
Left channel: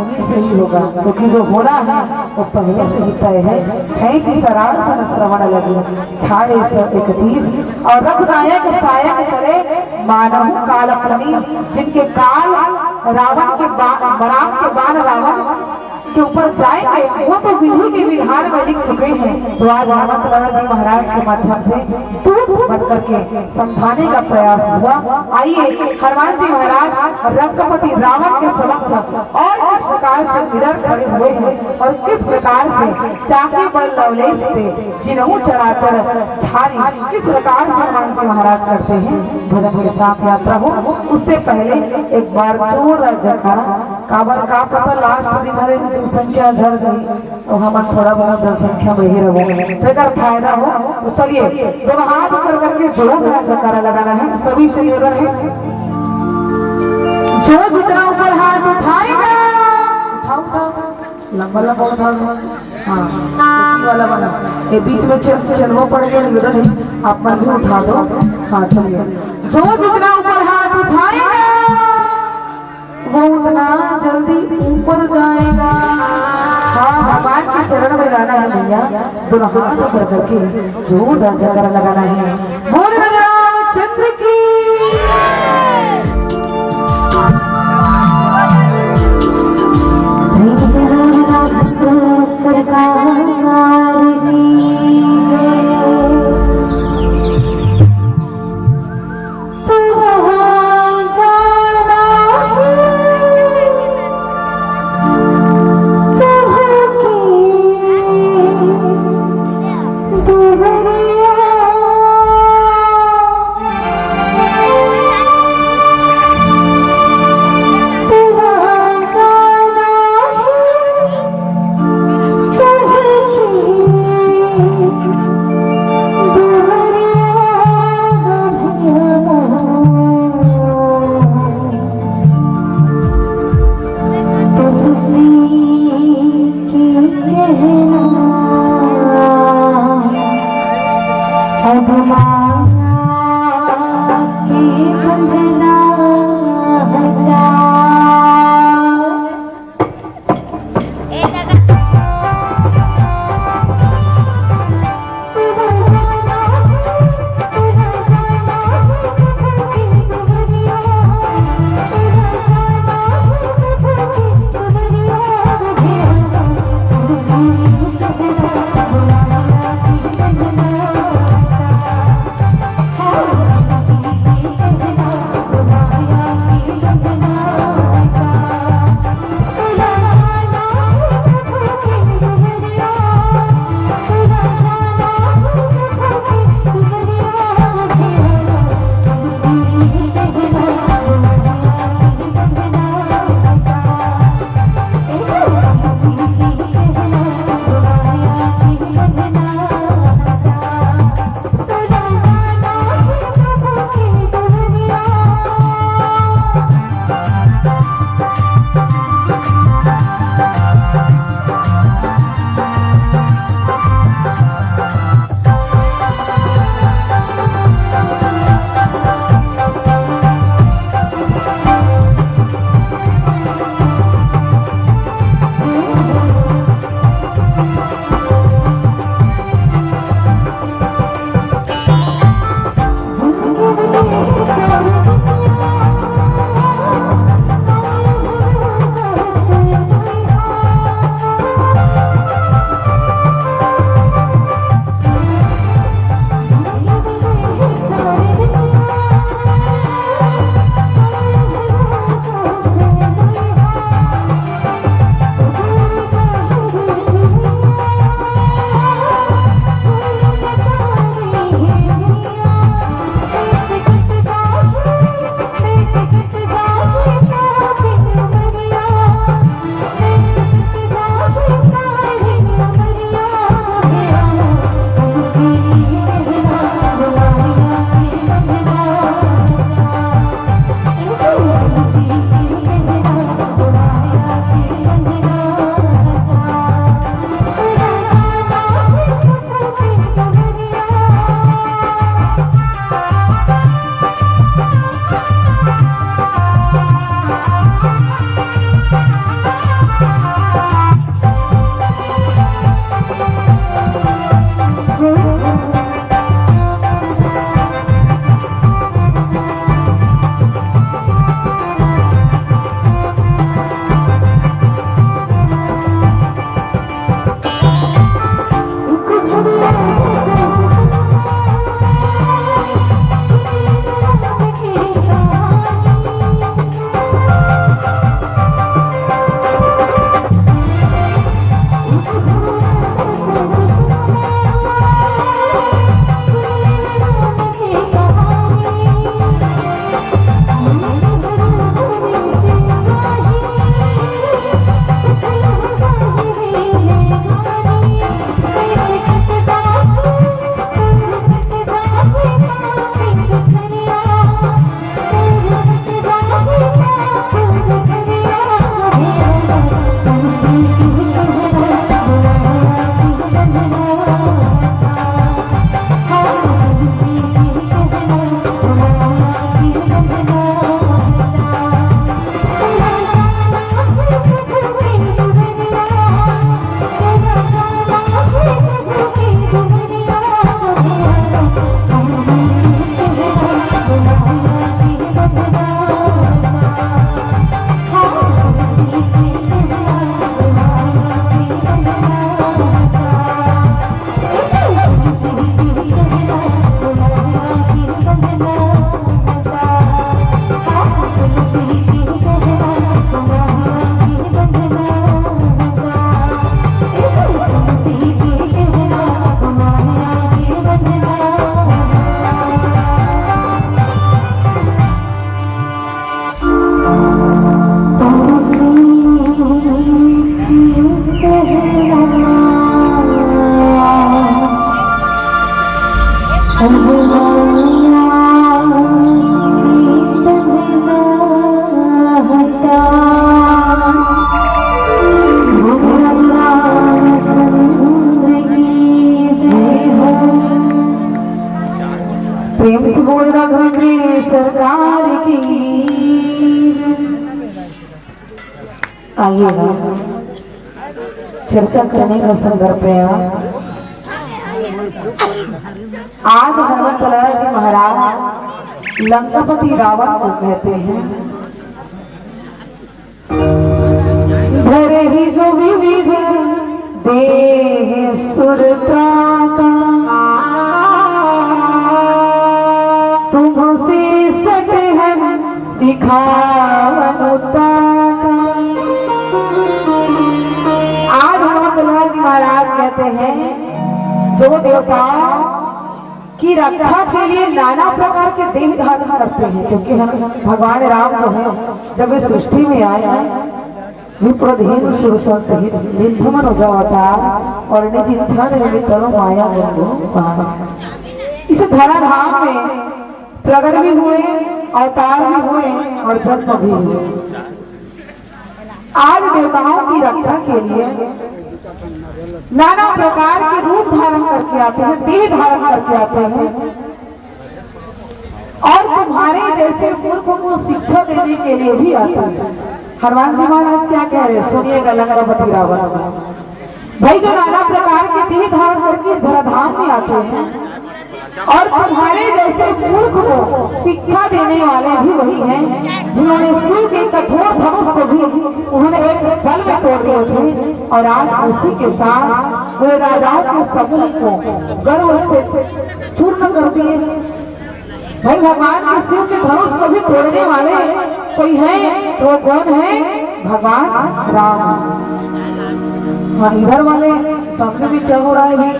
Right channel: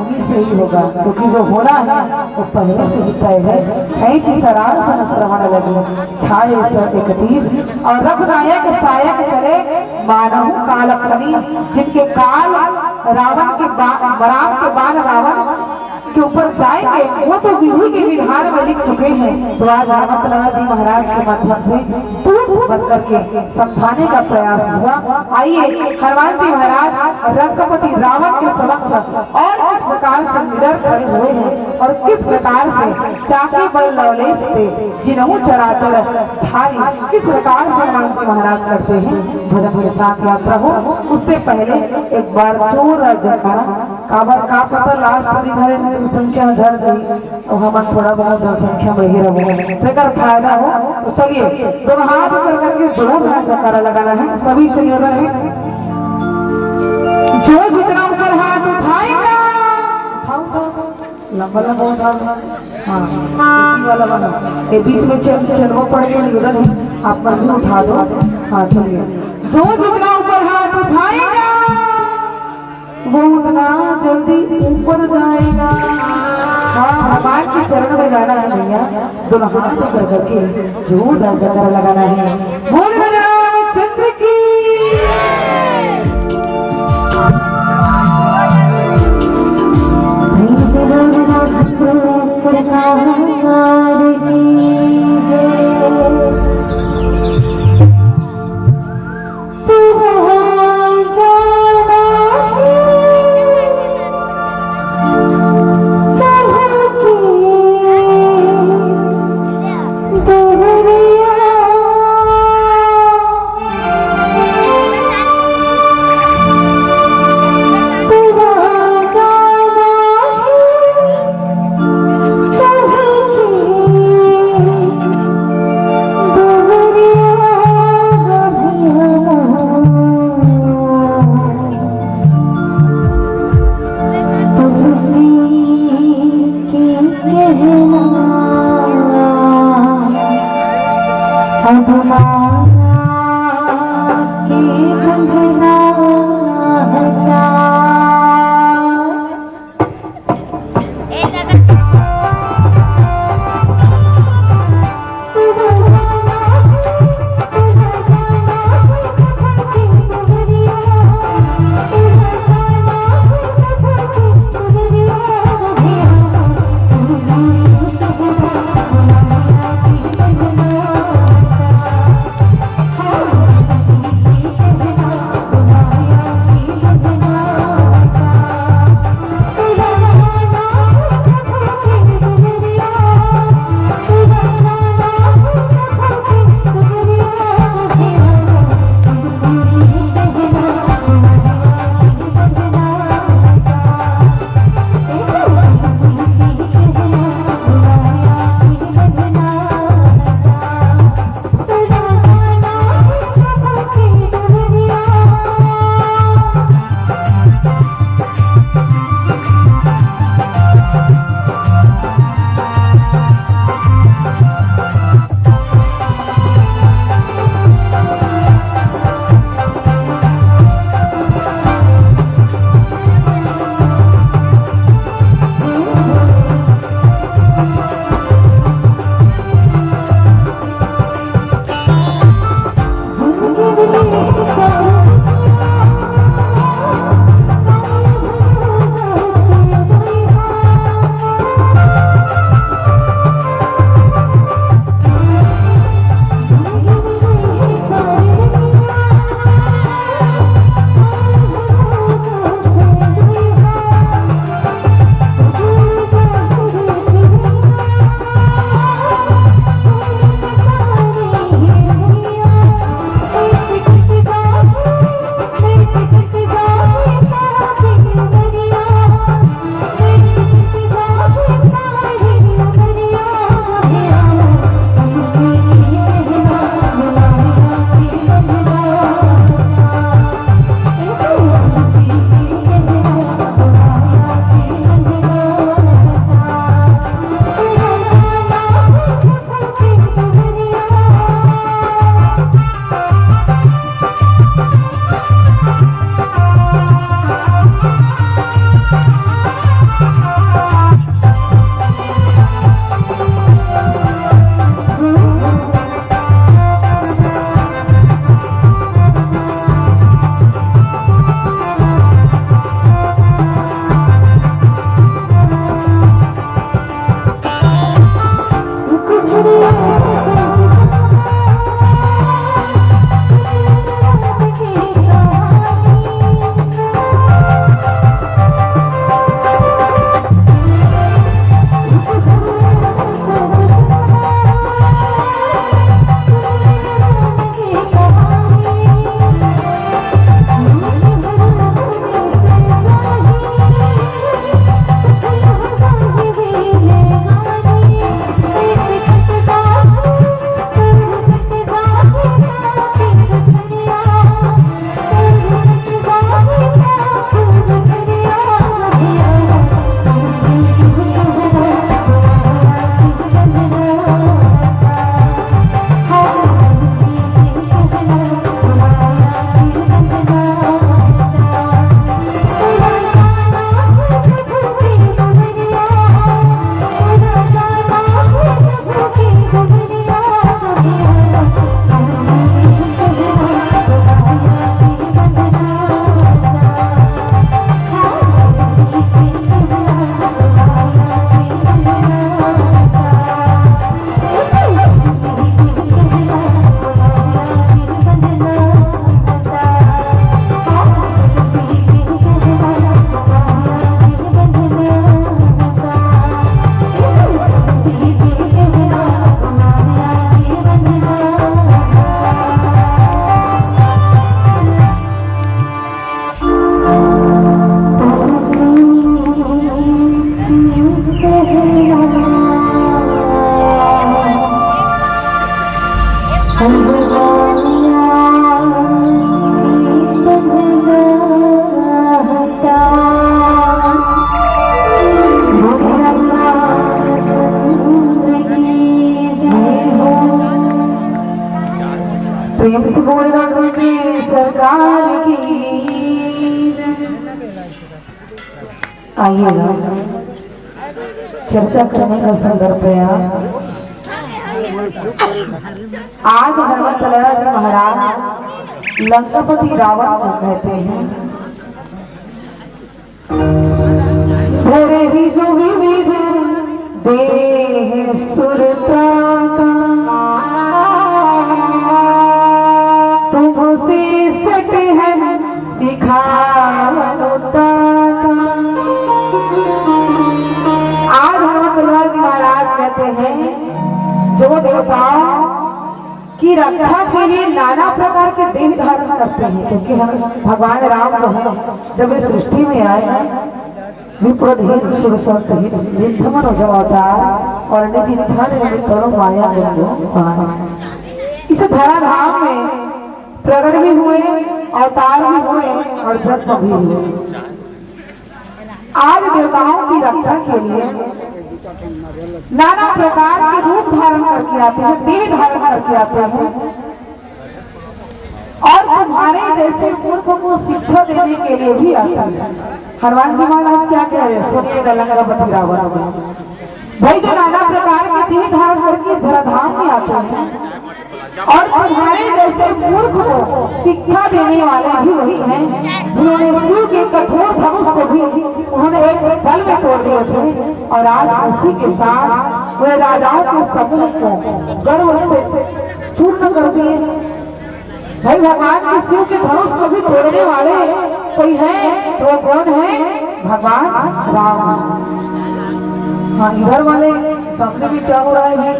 उन्हीं से ही होगा, क्योंकि जो होना है वो पहले से ही तय है। खैची सरार सन श्रवण लगी छाए सर 31 और रघुनायक सायक चले मानव काल फनी, जिनके काल रावण के राम के बाण रावण के ऊपर जाएंगे वो तो विधि के विधान में लिख चुके हैं। तो आज हनुमत लाला जी महाराज के माध्यम से दूध बन करके समझाने का प्रयास हुआ। आइए हनुमान जी महाराज रघुपति रावण के समक्ष और किस प्रकार से निडर खड़े हुए हैं और किस प्रकार से चाके बल लवलेश से जिन्हों चराचर झारी किस प्रकार से हनुमान जी महाराज करते हैं भजन के साथ यात्रा हो। उससे पहले एक बार जोरदार जयकारा काबर का पता लास्ट दिन हमारे संख्या झड़ गई तो हम थोड़ा बहुत जनसंख्या में ही रहो तो अगर फायदा हो तो चलिए दोनों हाथ ऊपर करके जोरदार जयकारा लगाना है। सभी शरीर है जो जितना ऊपर हाथ उठाएगा लंबा लंबा उठा हाँ वाला बना ये बीच में चलना पड़ेगा निवेदन है आप मन भी उठा दो। हाँ चलिए जो जितना ऊपर हाथ उठाएगा वो उतना जल्दी ऊपर जाएगा। हाँ भगवान के चरण में जाना है भैया, दोनों हाथ ऊपर करके जोरदार जयकारा लगाना है। बोल रामचंद्र की सरकार सरकार की। आइएगा चर्चा करने का सुंदर प्रयास। आज हनुमत लाला जी महाराज लंकापति रावण को कहते हैं, धरे ही जो विविध देह सुरता का, तुमसे सट है सिखावनुता का। आज हनुमत लाला जी महाराज कहते हैं, जो देवताओं की रक्षा के लिए नाना प्रकार के देह धारण करते हैं, क्योंकि हम भगवान राम जो है जब इस सृष्टि में आए विप्रधीन सुरसंतहित निर्धमन अवतार और निज इच्छा निमित्तरो माया गंगो। इस धराधाम में प्रकट भी हुए, अवतार भी हुए और जन्म भी हुए। आज देवताओं की रक्षा के लिए नाना प्रकार के रूप धारण करके आते हैं, देह धारण करके आते हैं, और तुम्हारे जैसे मूर्खों को शिक्षा देने के लिए भी आते हैं। हनुमान जी महाराज क्या कह रहे हैं, सुनिएगा लंकापति रावण का। भाई जो नाना प्रकार के देह धारण करके इस धराधाम में आते हैं और तुम्हारे जैसे मूर्ख को शिक्षा देने वाले भी वही हैं जिन्होंने शिव के कठोर धनुष को भी उन्होंने एक पल में तोड़ दिए थे, और आज उसी के साथ वह राजाओं के समूह को गर्व से चूर्ण कर दिए। भाई भगवान के शिव के धनुष को भी तोड़ने वाले कोई है तो कौन है, भगवान राम। हाँ इधर वाले सामने में क्या हो रहा है भाई?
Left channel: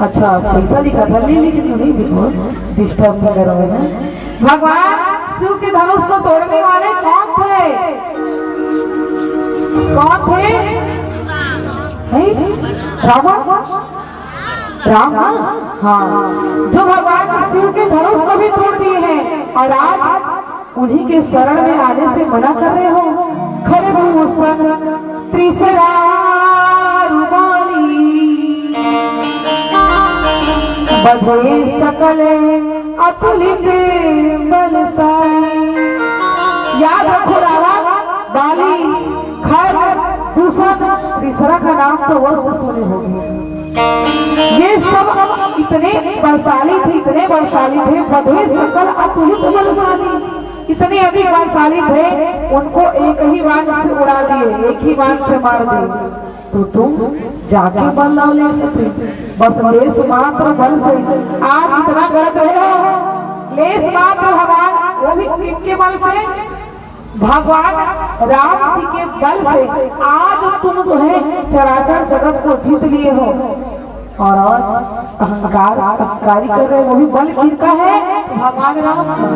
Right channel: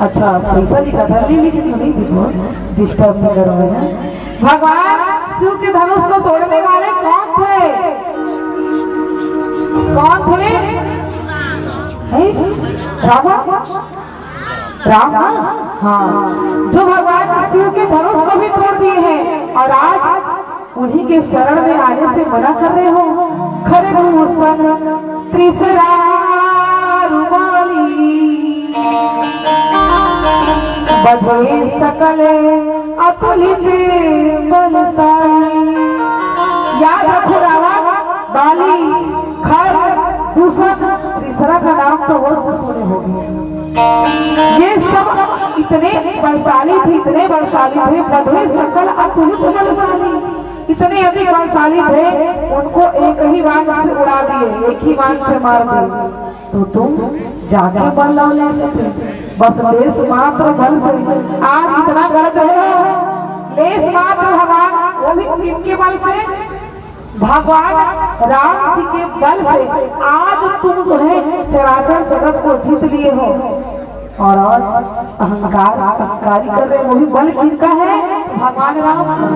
अच्छा पैसा दिखा था, ले लेकिन तो नहीं दिखो, डिस्टर्ब नहीं कर रहे हैं। भगवान शिव के धनुष को तोड़ने वाले कौन थे? कौन थे? रावण, राम। हाँ, जो भगवान शिव के धनुष को भी तोड़ दिए हैं और आज उन्हीं के शरण में आने से मना कर रहे हो। खरदूषण त्रिशरा बधे सकल अतुलित बलशाली। याद रखो रावण, बाली, खर, दूषण, त्रिशरा का नाम तो वह सुने होंगे। ये सब इतने बलशाली थे, इतने बलशाली थे। बधे सकल अतुलित बलशाली, इतने अधिक बलशाली थे, उनको एक ही बाण से उड़ा दिए, एक ही बाण से मार दिए। तो तुम जाके बल ले सकते, बस लेस मात्र बल से आज इतना गलत है हो। लेस मात्र हमारा वो भी इनके बल से, भगवान राम जी के बल से आज तुम जो है चराचर जगत को जीत लिए हो, और आज अहंकार अहंकारी कर रहे, वो भी बल किसका है? भगवान राम का।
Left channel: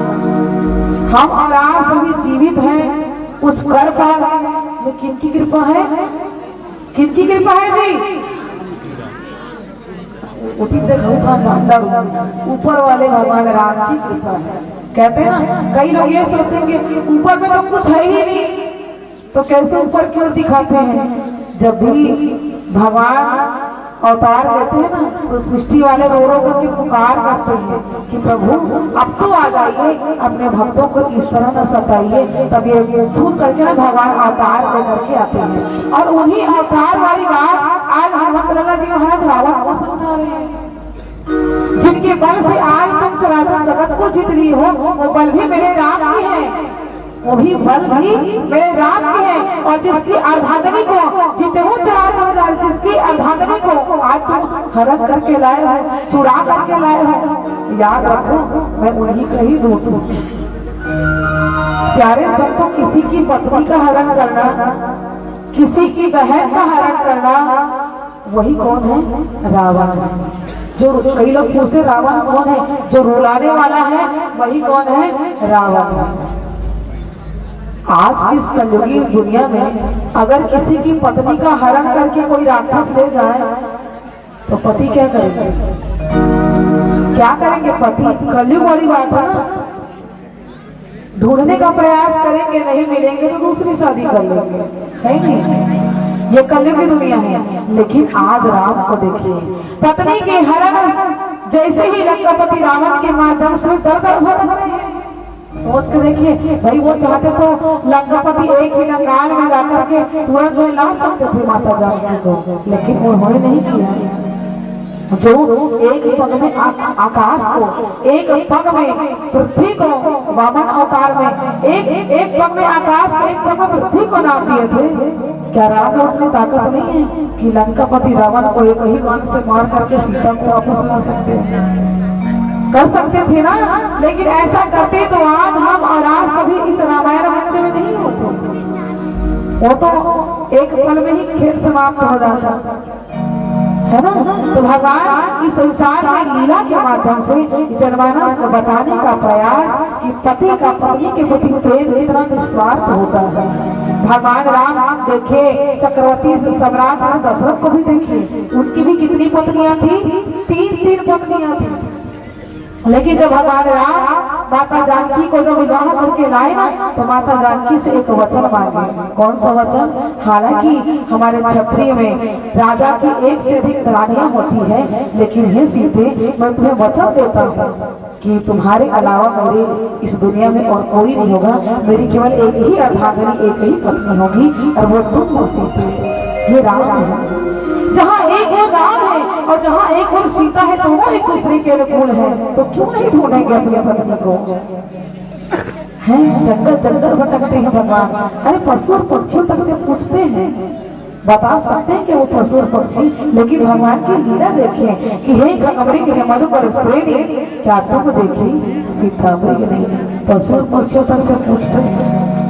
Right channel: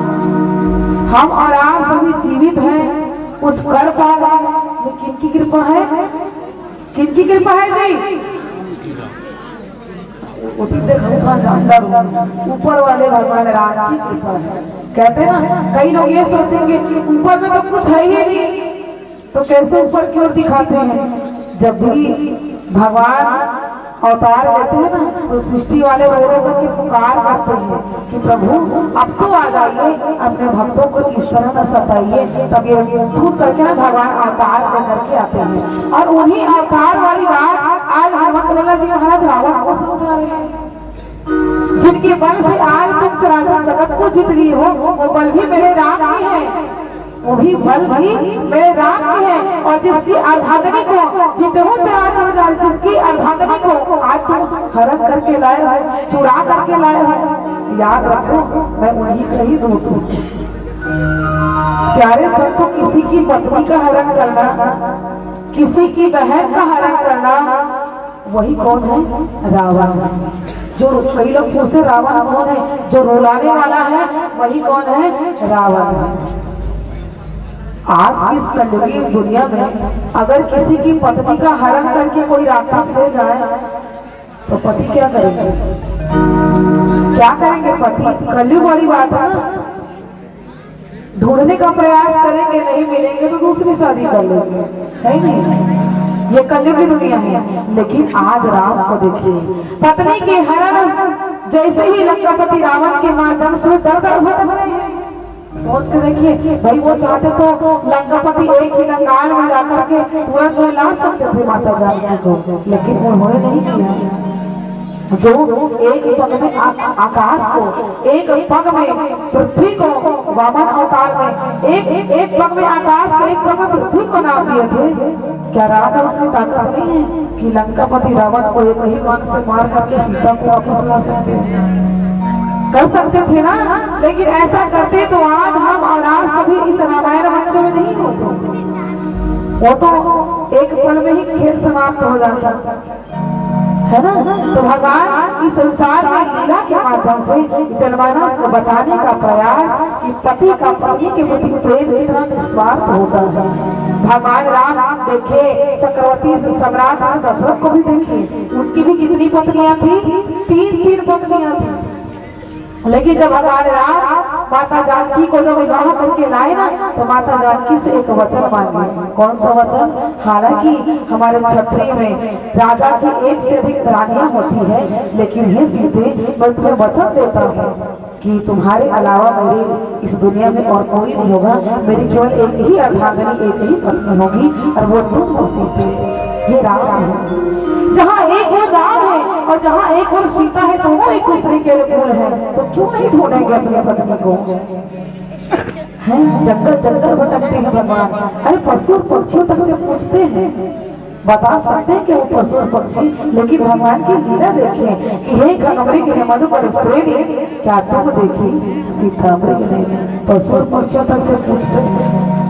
हम और आप सभी जीवित हैं, कुछ कर पा रहे हैं, ये किनकी कृपा है? किनकी कृपा है जी? ऊपर वाले भगवान राम की कृपा है। कहते हैं ना, कई लोग ये सोचेंगे कि ऊपर में तो कुछ है ही नहीं, तो कैसे ऊपर की ओर दिखाते हैं? जब भी भगवान अवतार लेते हैं ना, तो सृष्टि वाले रो करके पुकार करते हैं कि प्रभु अब तो आ जाइए, अपने भक्तों को इस तरह न सताइए। तब ये सुन करके ना भगवान अवतार लेकर के आते हैं, और उन्हीं अवतार वाली बात आज हनुमत लाला जी महाराज रावण को समझा रहे हैं। जिनके बल से आज तुम चराचर जगत को जीत लिए हो, वो बल भी मेरे राम की है, वो भी बल भी मेरे राम की है। और जिसकी अर्धांगिनी को जीते हो चराचर, जिसकी अर्धांगिनी को आज तुम हरण करके लाए हो, चुरा करके लाए हो, याद रखो मैं उन्हीं का ही रूप हूँ। प्यारे संतो, किसी की पत्नी का हरण करना, किसी की बहन का हरण करना, वही कौन है? रावण है। जो कई लोग पूछते रावण कौन है? जो रुलाने वाला है वही कौन है? रावण है। आज इस कलयुगी दुनिया में अगर किसी की पत्नी का हरण करके कोई राक्षस ले जाए तो पति क्या करेंगे? क्या करेंगे पति? कलयुग वाली बात है ना, ढूंढने का प्रयास करेंगे, नहीं मिलेंगे तो दूसरी शादी कर लेंगे, है नहीं? ये कलयुग की दुनिया है। लेकिन आज राम को देखिए, पत्नी के हरण जैसे ही लंकापति रावण के माध्यम से दर दर भर रहे हैं, सोच के देखिए भाई, वो चाहते तो लंकापति एक ही लंकाल में जाकर के तुरंत वो ला सकते थे माता जानकी को, लेकिन उन्होंने नहीं किया। जो एक पग में आकाश को, एक पग में पृथ्वी को, वामन अवतार में एक पग में आकाश को, एक पग में पृथ्वी को नाप दिए थे। क्या राम में उतनी ताकत नहीं है कि लंकापति रावण को एक ही बाण से मार करके सीता को वापस ला सकते हैं? कर सकते थे ना, लेकिन ऐसा करते तो आज हम और आप सभी इस रामायण मंच में नहीं होते। वो तो एक पल में ही खेल समाप्त हो जाता है ना। तो भगवान इस संसार में लीला के माध्यम से जनमानस को बताने का प्रयास कि पति का पत्नी के प्रति प्रेम इतना निस्वार्थ होता है। भगवान राम देखे चक्रवर्ती सम्राट दशरथ को भी देखिए, उनकी भी कितनी पत्नियां थी? 3 पत्नियां थी। लेकिन जब भगवान राम माता जानकी को जब विवाह करके लाए ना, तो माता जानकी से एक वचन मांगे। कौन सा वचन? हालांकि हमारे क्षत्रिय में राजा की 1 से अधिक रानियां होती है, लेकिन हे सीते, मैं तुम्हें वचन देता हूँ कि तुम्हारे अलावा मेरे इस दुनिया में और कोई नहीं होगा। मेरी केवल एक ही अर्धांगिनी, एक ही पत्नी होगी, और वो तुम हो सीते। ये राम है। जहाँ एक और राम है और जहाँ एक और सीता है, तो वो एक दूसरे के अनुकूल है, तो क्यों नहीं ढूंढेंगे अपने पत्नी को? है जंगल जंगल भटकते हैं भगवान। अरे पशु और पक्षियों तक से पूछते हैं, बता सकते हैं कि वो पशु और पक्षी, लेकिन भगवान की लीला देखें कि हे खगमृग हे मधुकर श्रेणी, क्या तुम देखी सीता मृग नहीं? पशु और पक्षियों तक से पूछते हैं।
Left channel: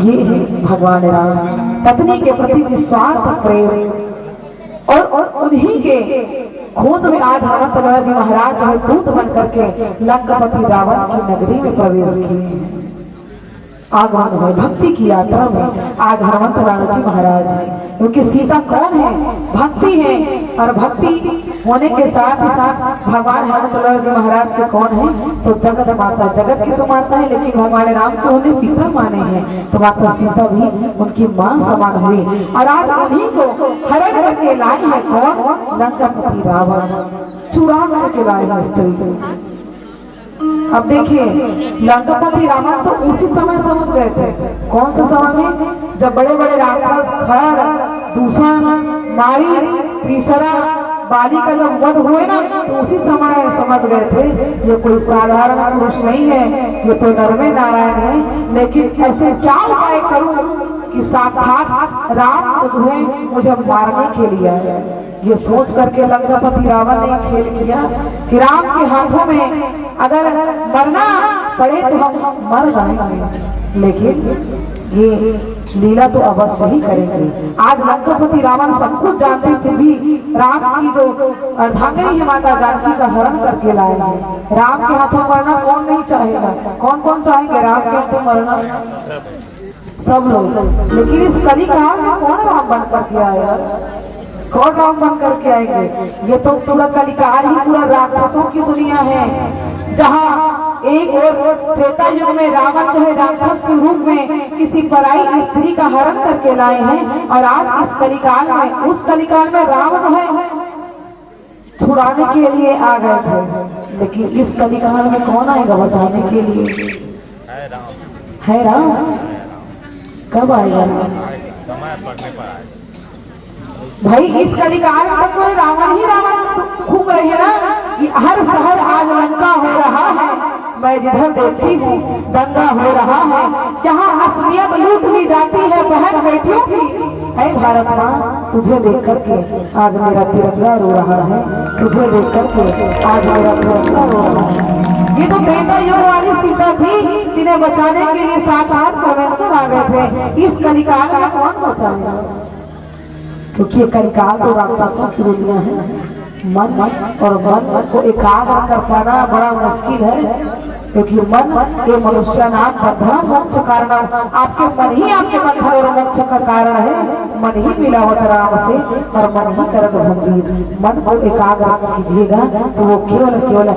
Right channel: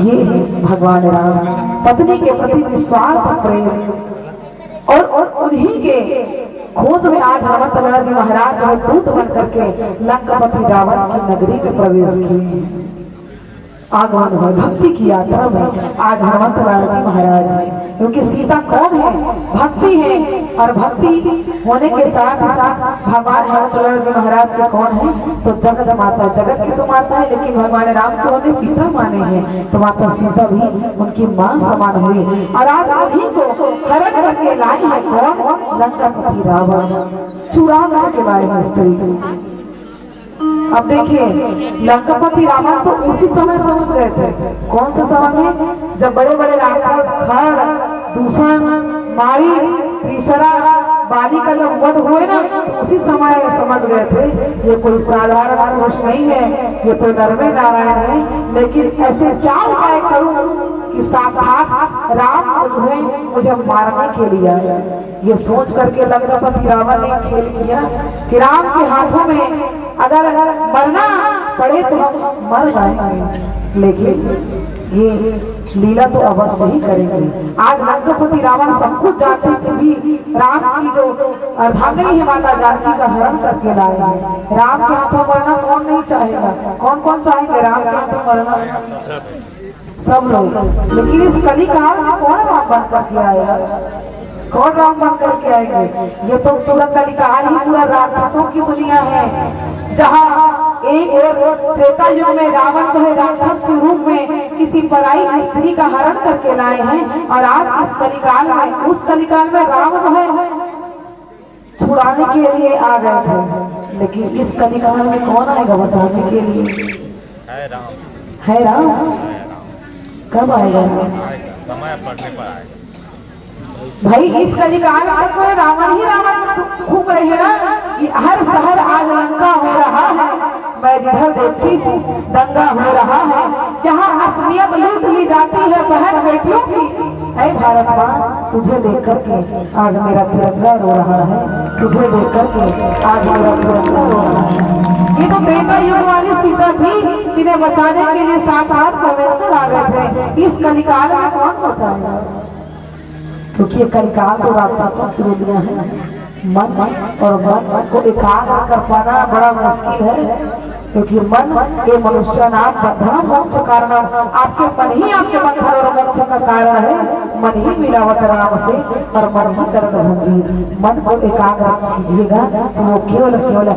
ये है भगवान राम, पत्नी के प्रति निस्वार्थ प्रेम। और उन्हीं के खोज में आज हनुमंत जी महाराज जो है दूत बन करके लंकापति रावण की नगरी में प्रवेश किए। आगमन हुए भक्ति की यात्रा में आज हनुमंत जी महाराज, क्योंकि सीता कौन है? भक्ति है। और भक्ति होने के साथ ही साथ भगवान हनुमंत जी महाराज से कौन है? तो जगत माता, जगत की तो माता है, लेकिन भगवान राम को उन्हें पिता माने हैं, तो माता सीता भी उनकी मां समान हुई। और आज उन्हीं को हरण करके लाई है कौन? लंकापति रावण चुरा करके लाई है स्त्री को। अब देखिए, लंकापति रावण तो उसी समय समझ गए थे। कौन सा समय में? जब बड़े बड़े राक्षस खर, दूषण, मारी, तीसरा, बाली का जब वध हुए ना, तो उसी समय समझ गए थे ये कोई साधारण पुरुष नहीं है, ये तो नरमे नारायण है। लेकिन ऐसे क्या उपाय करूं कि साक्षात राम जो है मुझे मारने के लिए आया? ये सोच करके लंकापति रावण ने खेल किया कि राम के हाथों में अगर मरना पड़े तो हम मर जाएंगे, लेकिन ये लीला तो अवश्य ही करेंगे। आज लंकापति रावण सब कुछ जानते थे भी राम की जो अर्धांगिनी है माता जानकी का हरण करके लाए हैं। राम के हाथों मरना कौन नहीं चाहेगा? कौन कौन चाहेंगे राम के हाथों मरना? सब लोग। लेकिन इस कलिकाल में कौन राम बन करके आया? कौन राम बन करके आएंगे? ये तो पूरा कलिकाल ही पूरा राक्षसों की दुनिया है, जहाँ एक और त्रेता युग में रावण जो है राक्षस के रूप में किसी पराई स्त्री का हरण करके लाए हैं, और आज इस कलिकाल में, उस कलिकाल में राम जो है छुड़ाने के लिए आ गए थे, लेकिन इस कलिकाल में कौन आएगा बचाने के लिए? है राम। कब आएगा भाई? इस कलिकाल तक में रावण ही रावण घूम रहे हैं ना, कि हर शहर आज लंका हो रहा है। मैं जिधर देखती हूँ दंगा हो रहा है, यहाँ असमियत लूट ली जाती है बहन बेटियों की। ऐ भारत माँ, तुझे देख करके आज मेरा तिरंगा रो रहा है, तुझे देख करके आज मेरा तिरंगा रो रहा है। ये तो बेटा युग वाली सीता थी जिन्हें बचाने के लिए साक्षात परमेश्वर आ गए थे। इस कलिकाल में कौन बचाएगा? क्योंकि कलिकाल तो राक्षसों की दुनिया है। मन और मन को एकाग्र कर पाना बड़ा मुश्किल है, क्योंकि मन के मनुष्य नाम बंधन मोक्ष कारण, आपके मन ही आपके बंधन और मोक्ष का कारण है। मन ही मिलावट राम से और मन ही करण भंजीर। मन को एकाग्र कीजिएगा तो वो केवल केवल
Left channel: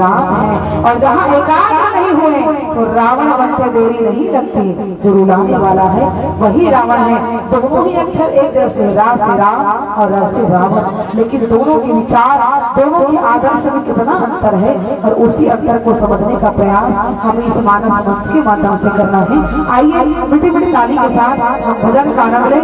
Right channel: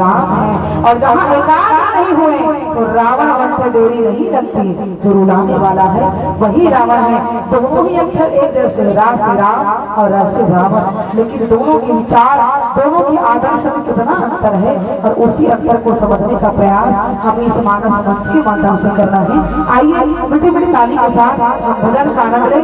राम है, और जहाँ एकाग्र नहीं हुए तो रावण बनते देरी नहीं लगती। जो रुलाने वाला है वही रावण है। दोनों ही अक्षर एक जैसे, रा से राम और र से रावण, लेकिन दोनों के विचार, दोनों के आदर्श में कितना अंतर है, और उसी अंतर को समझने का प्रयास हमें इस मानस मंच के माध्यम से करना है। आइए मीठी मीठी ताली के साथ हम भजन का आनंद लें।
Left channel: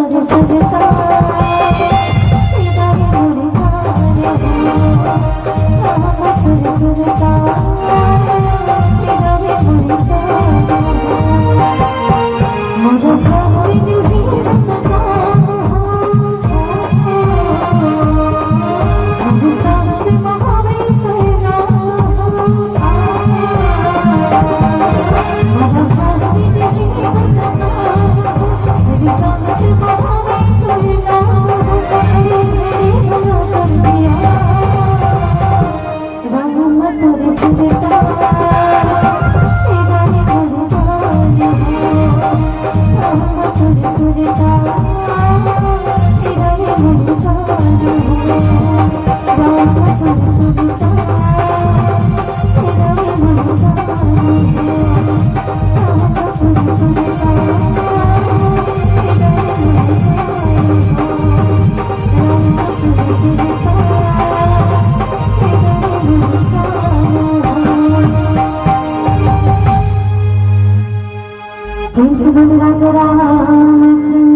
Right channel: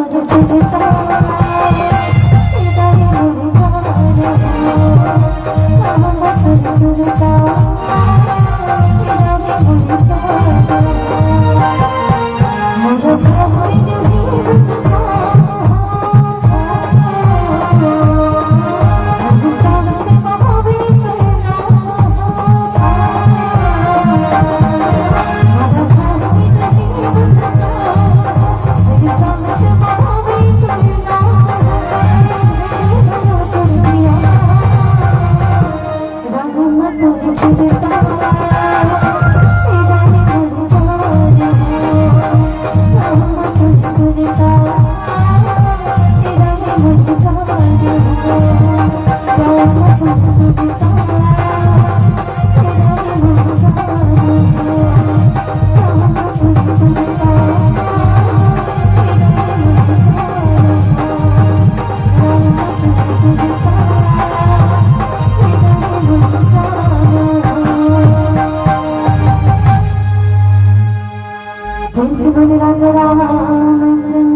तुझे सुनता हृदय मुरझाए मोहब्बत तुझे सुनता हृदय मुरझाए मगर कोई नहीं सुनता राजा राम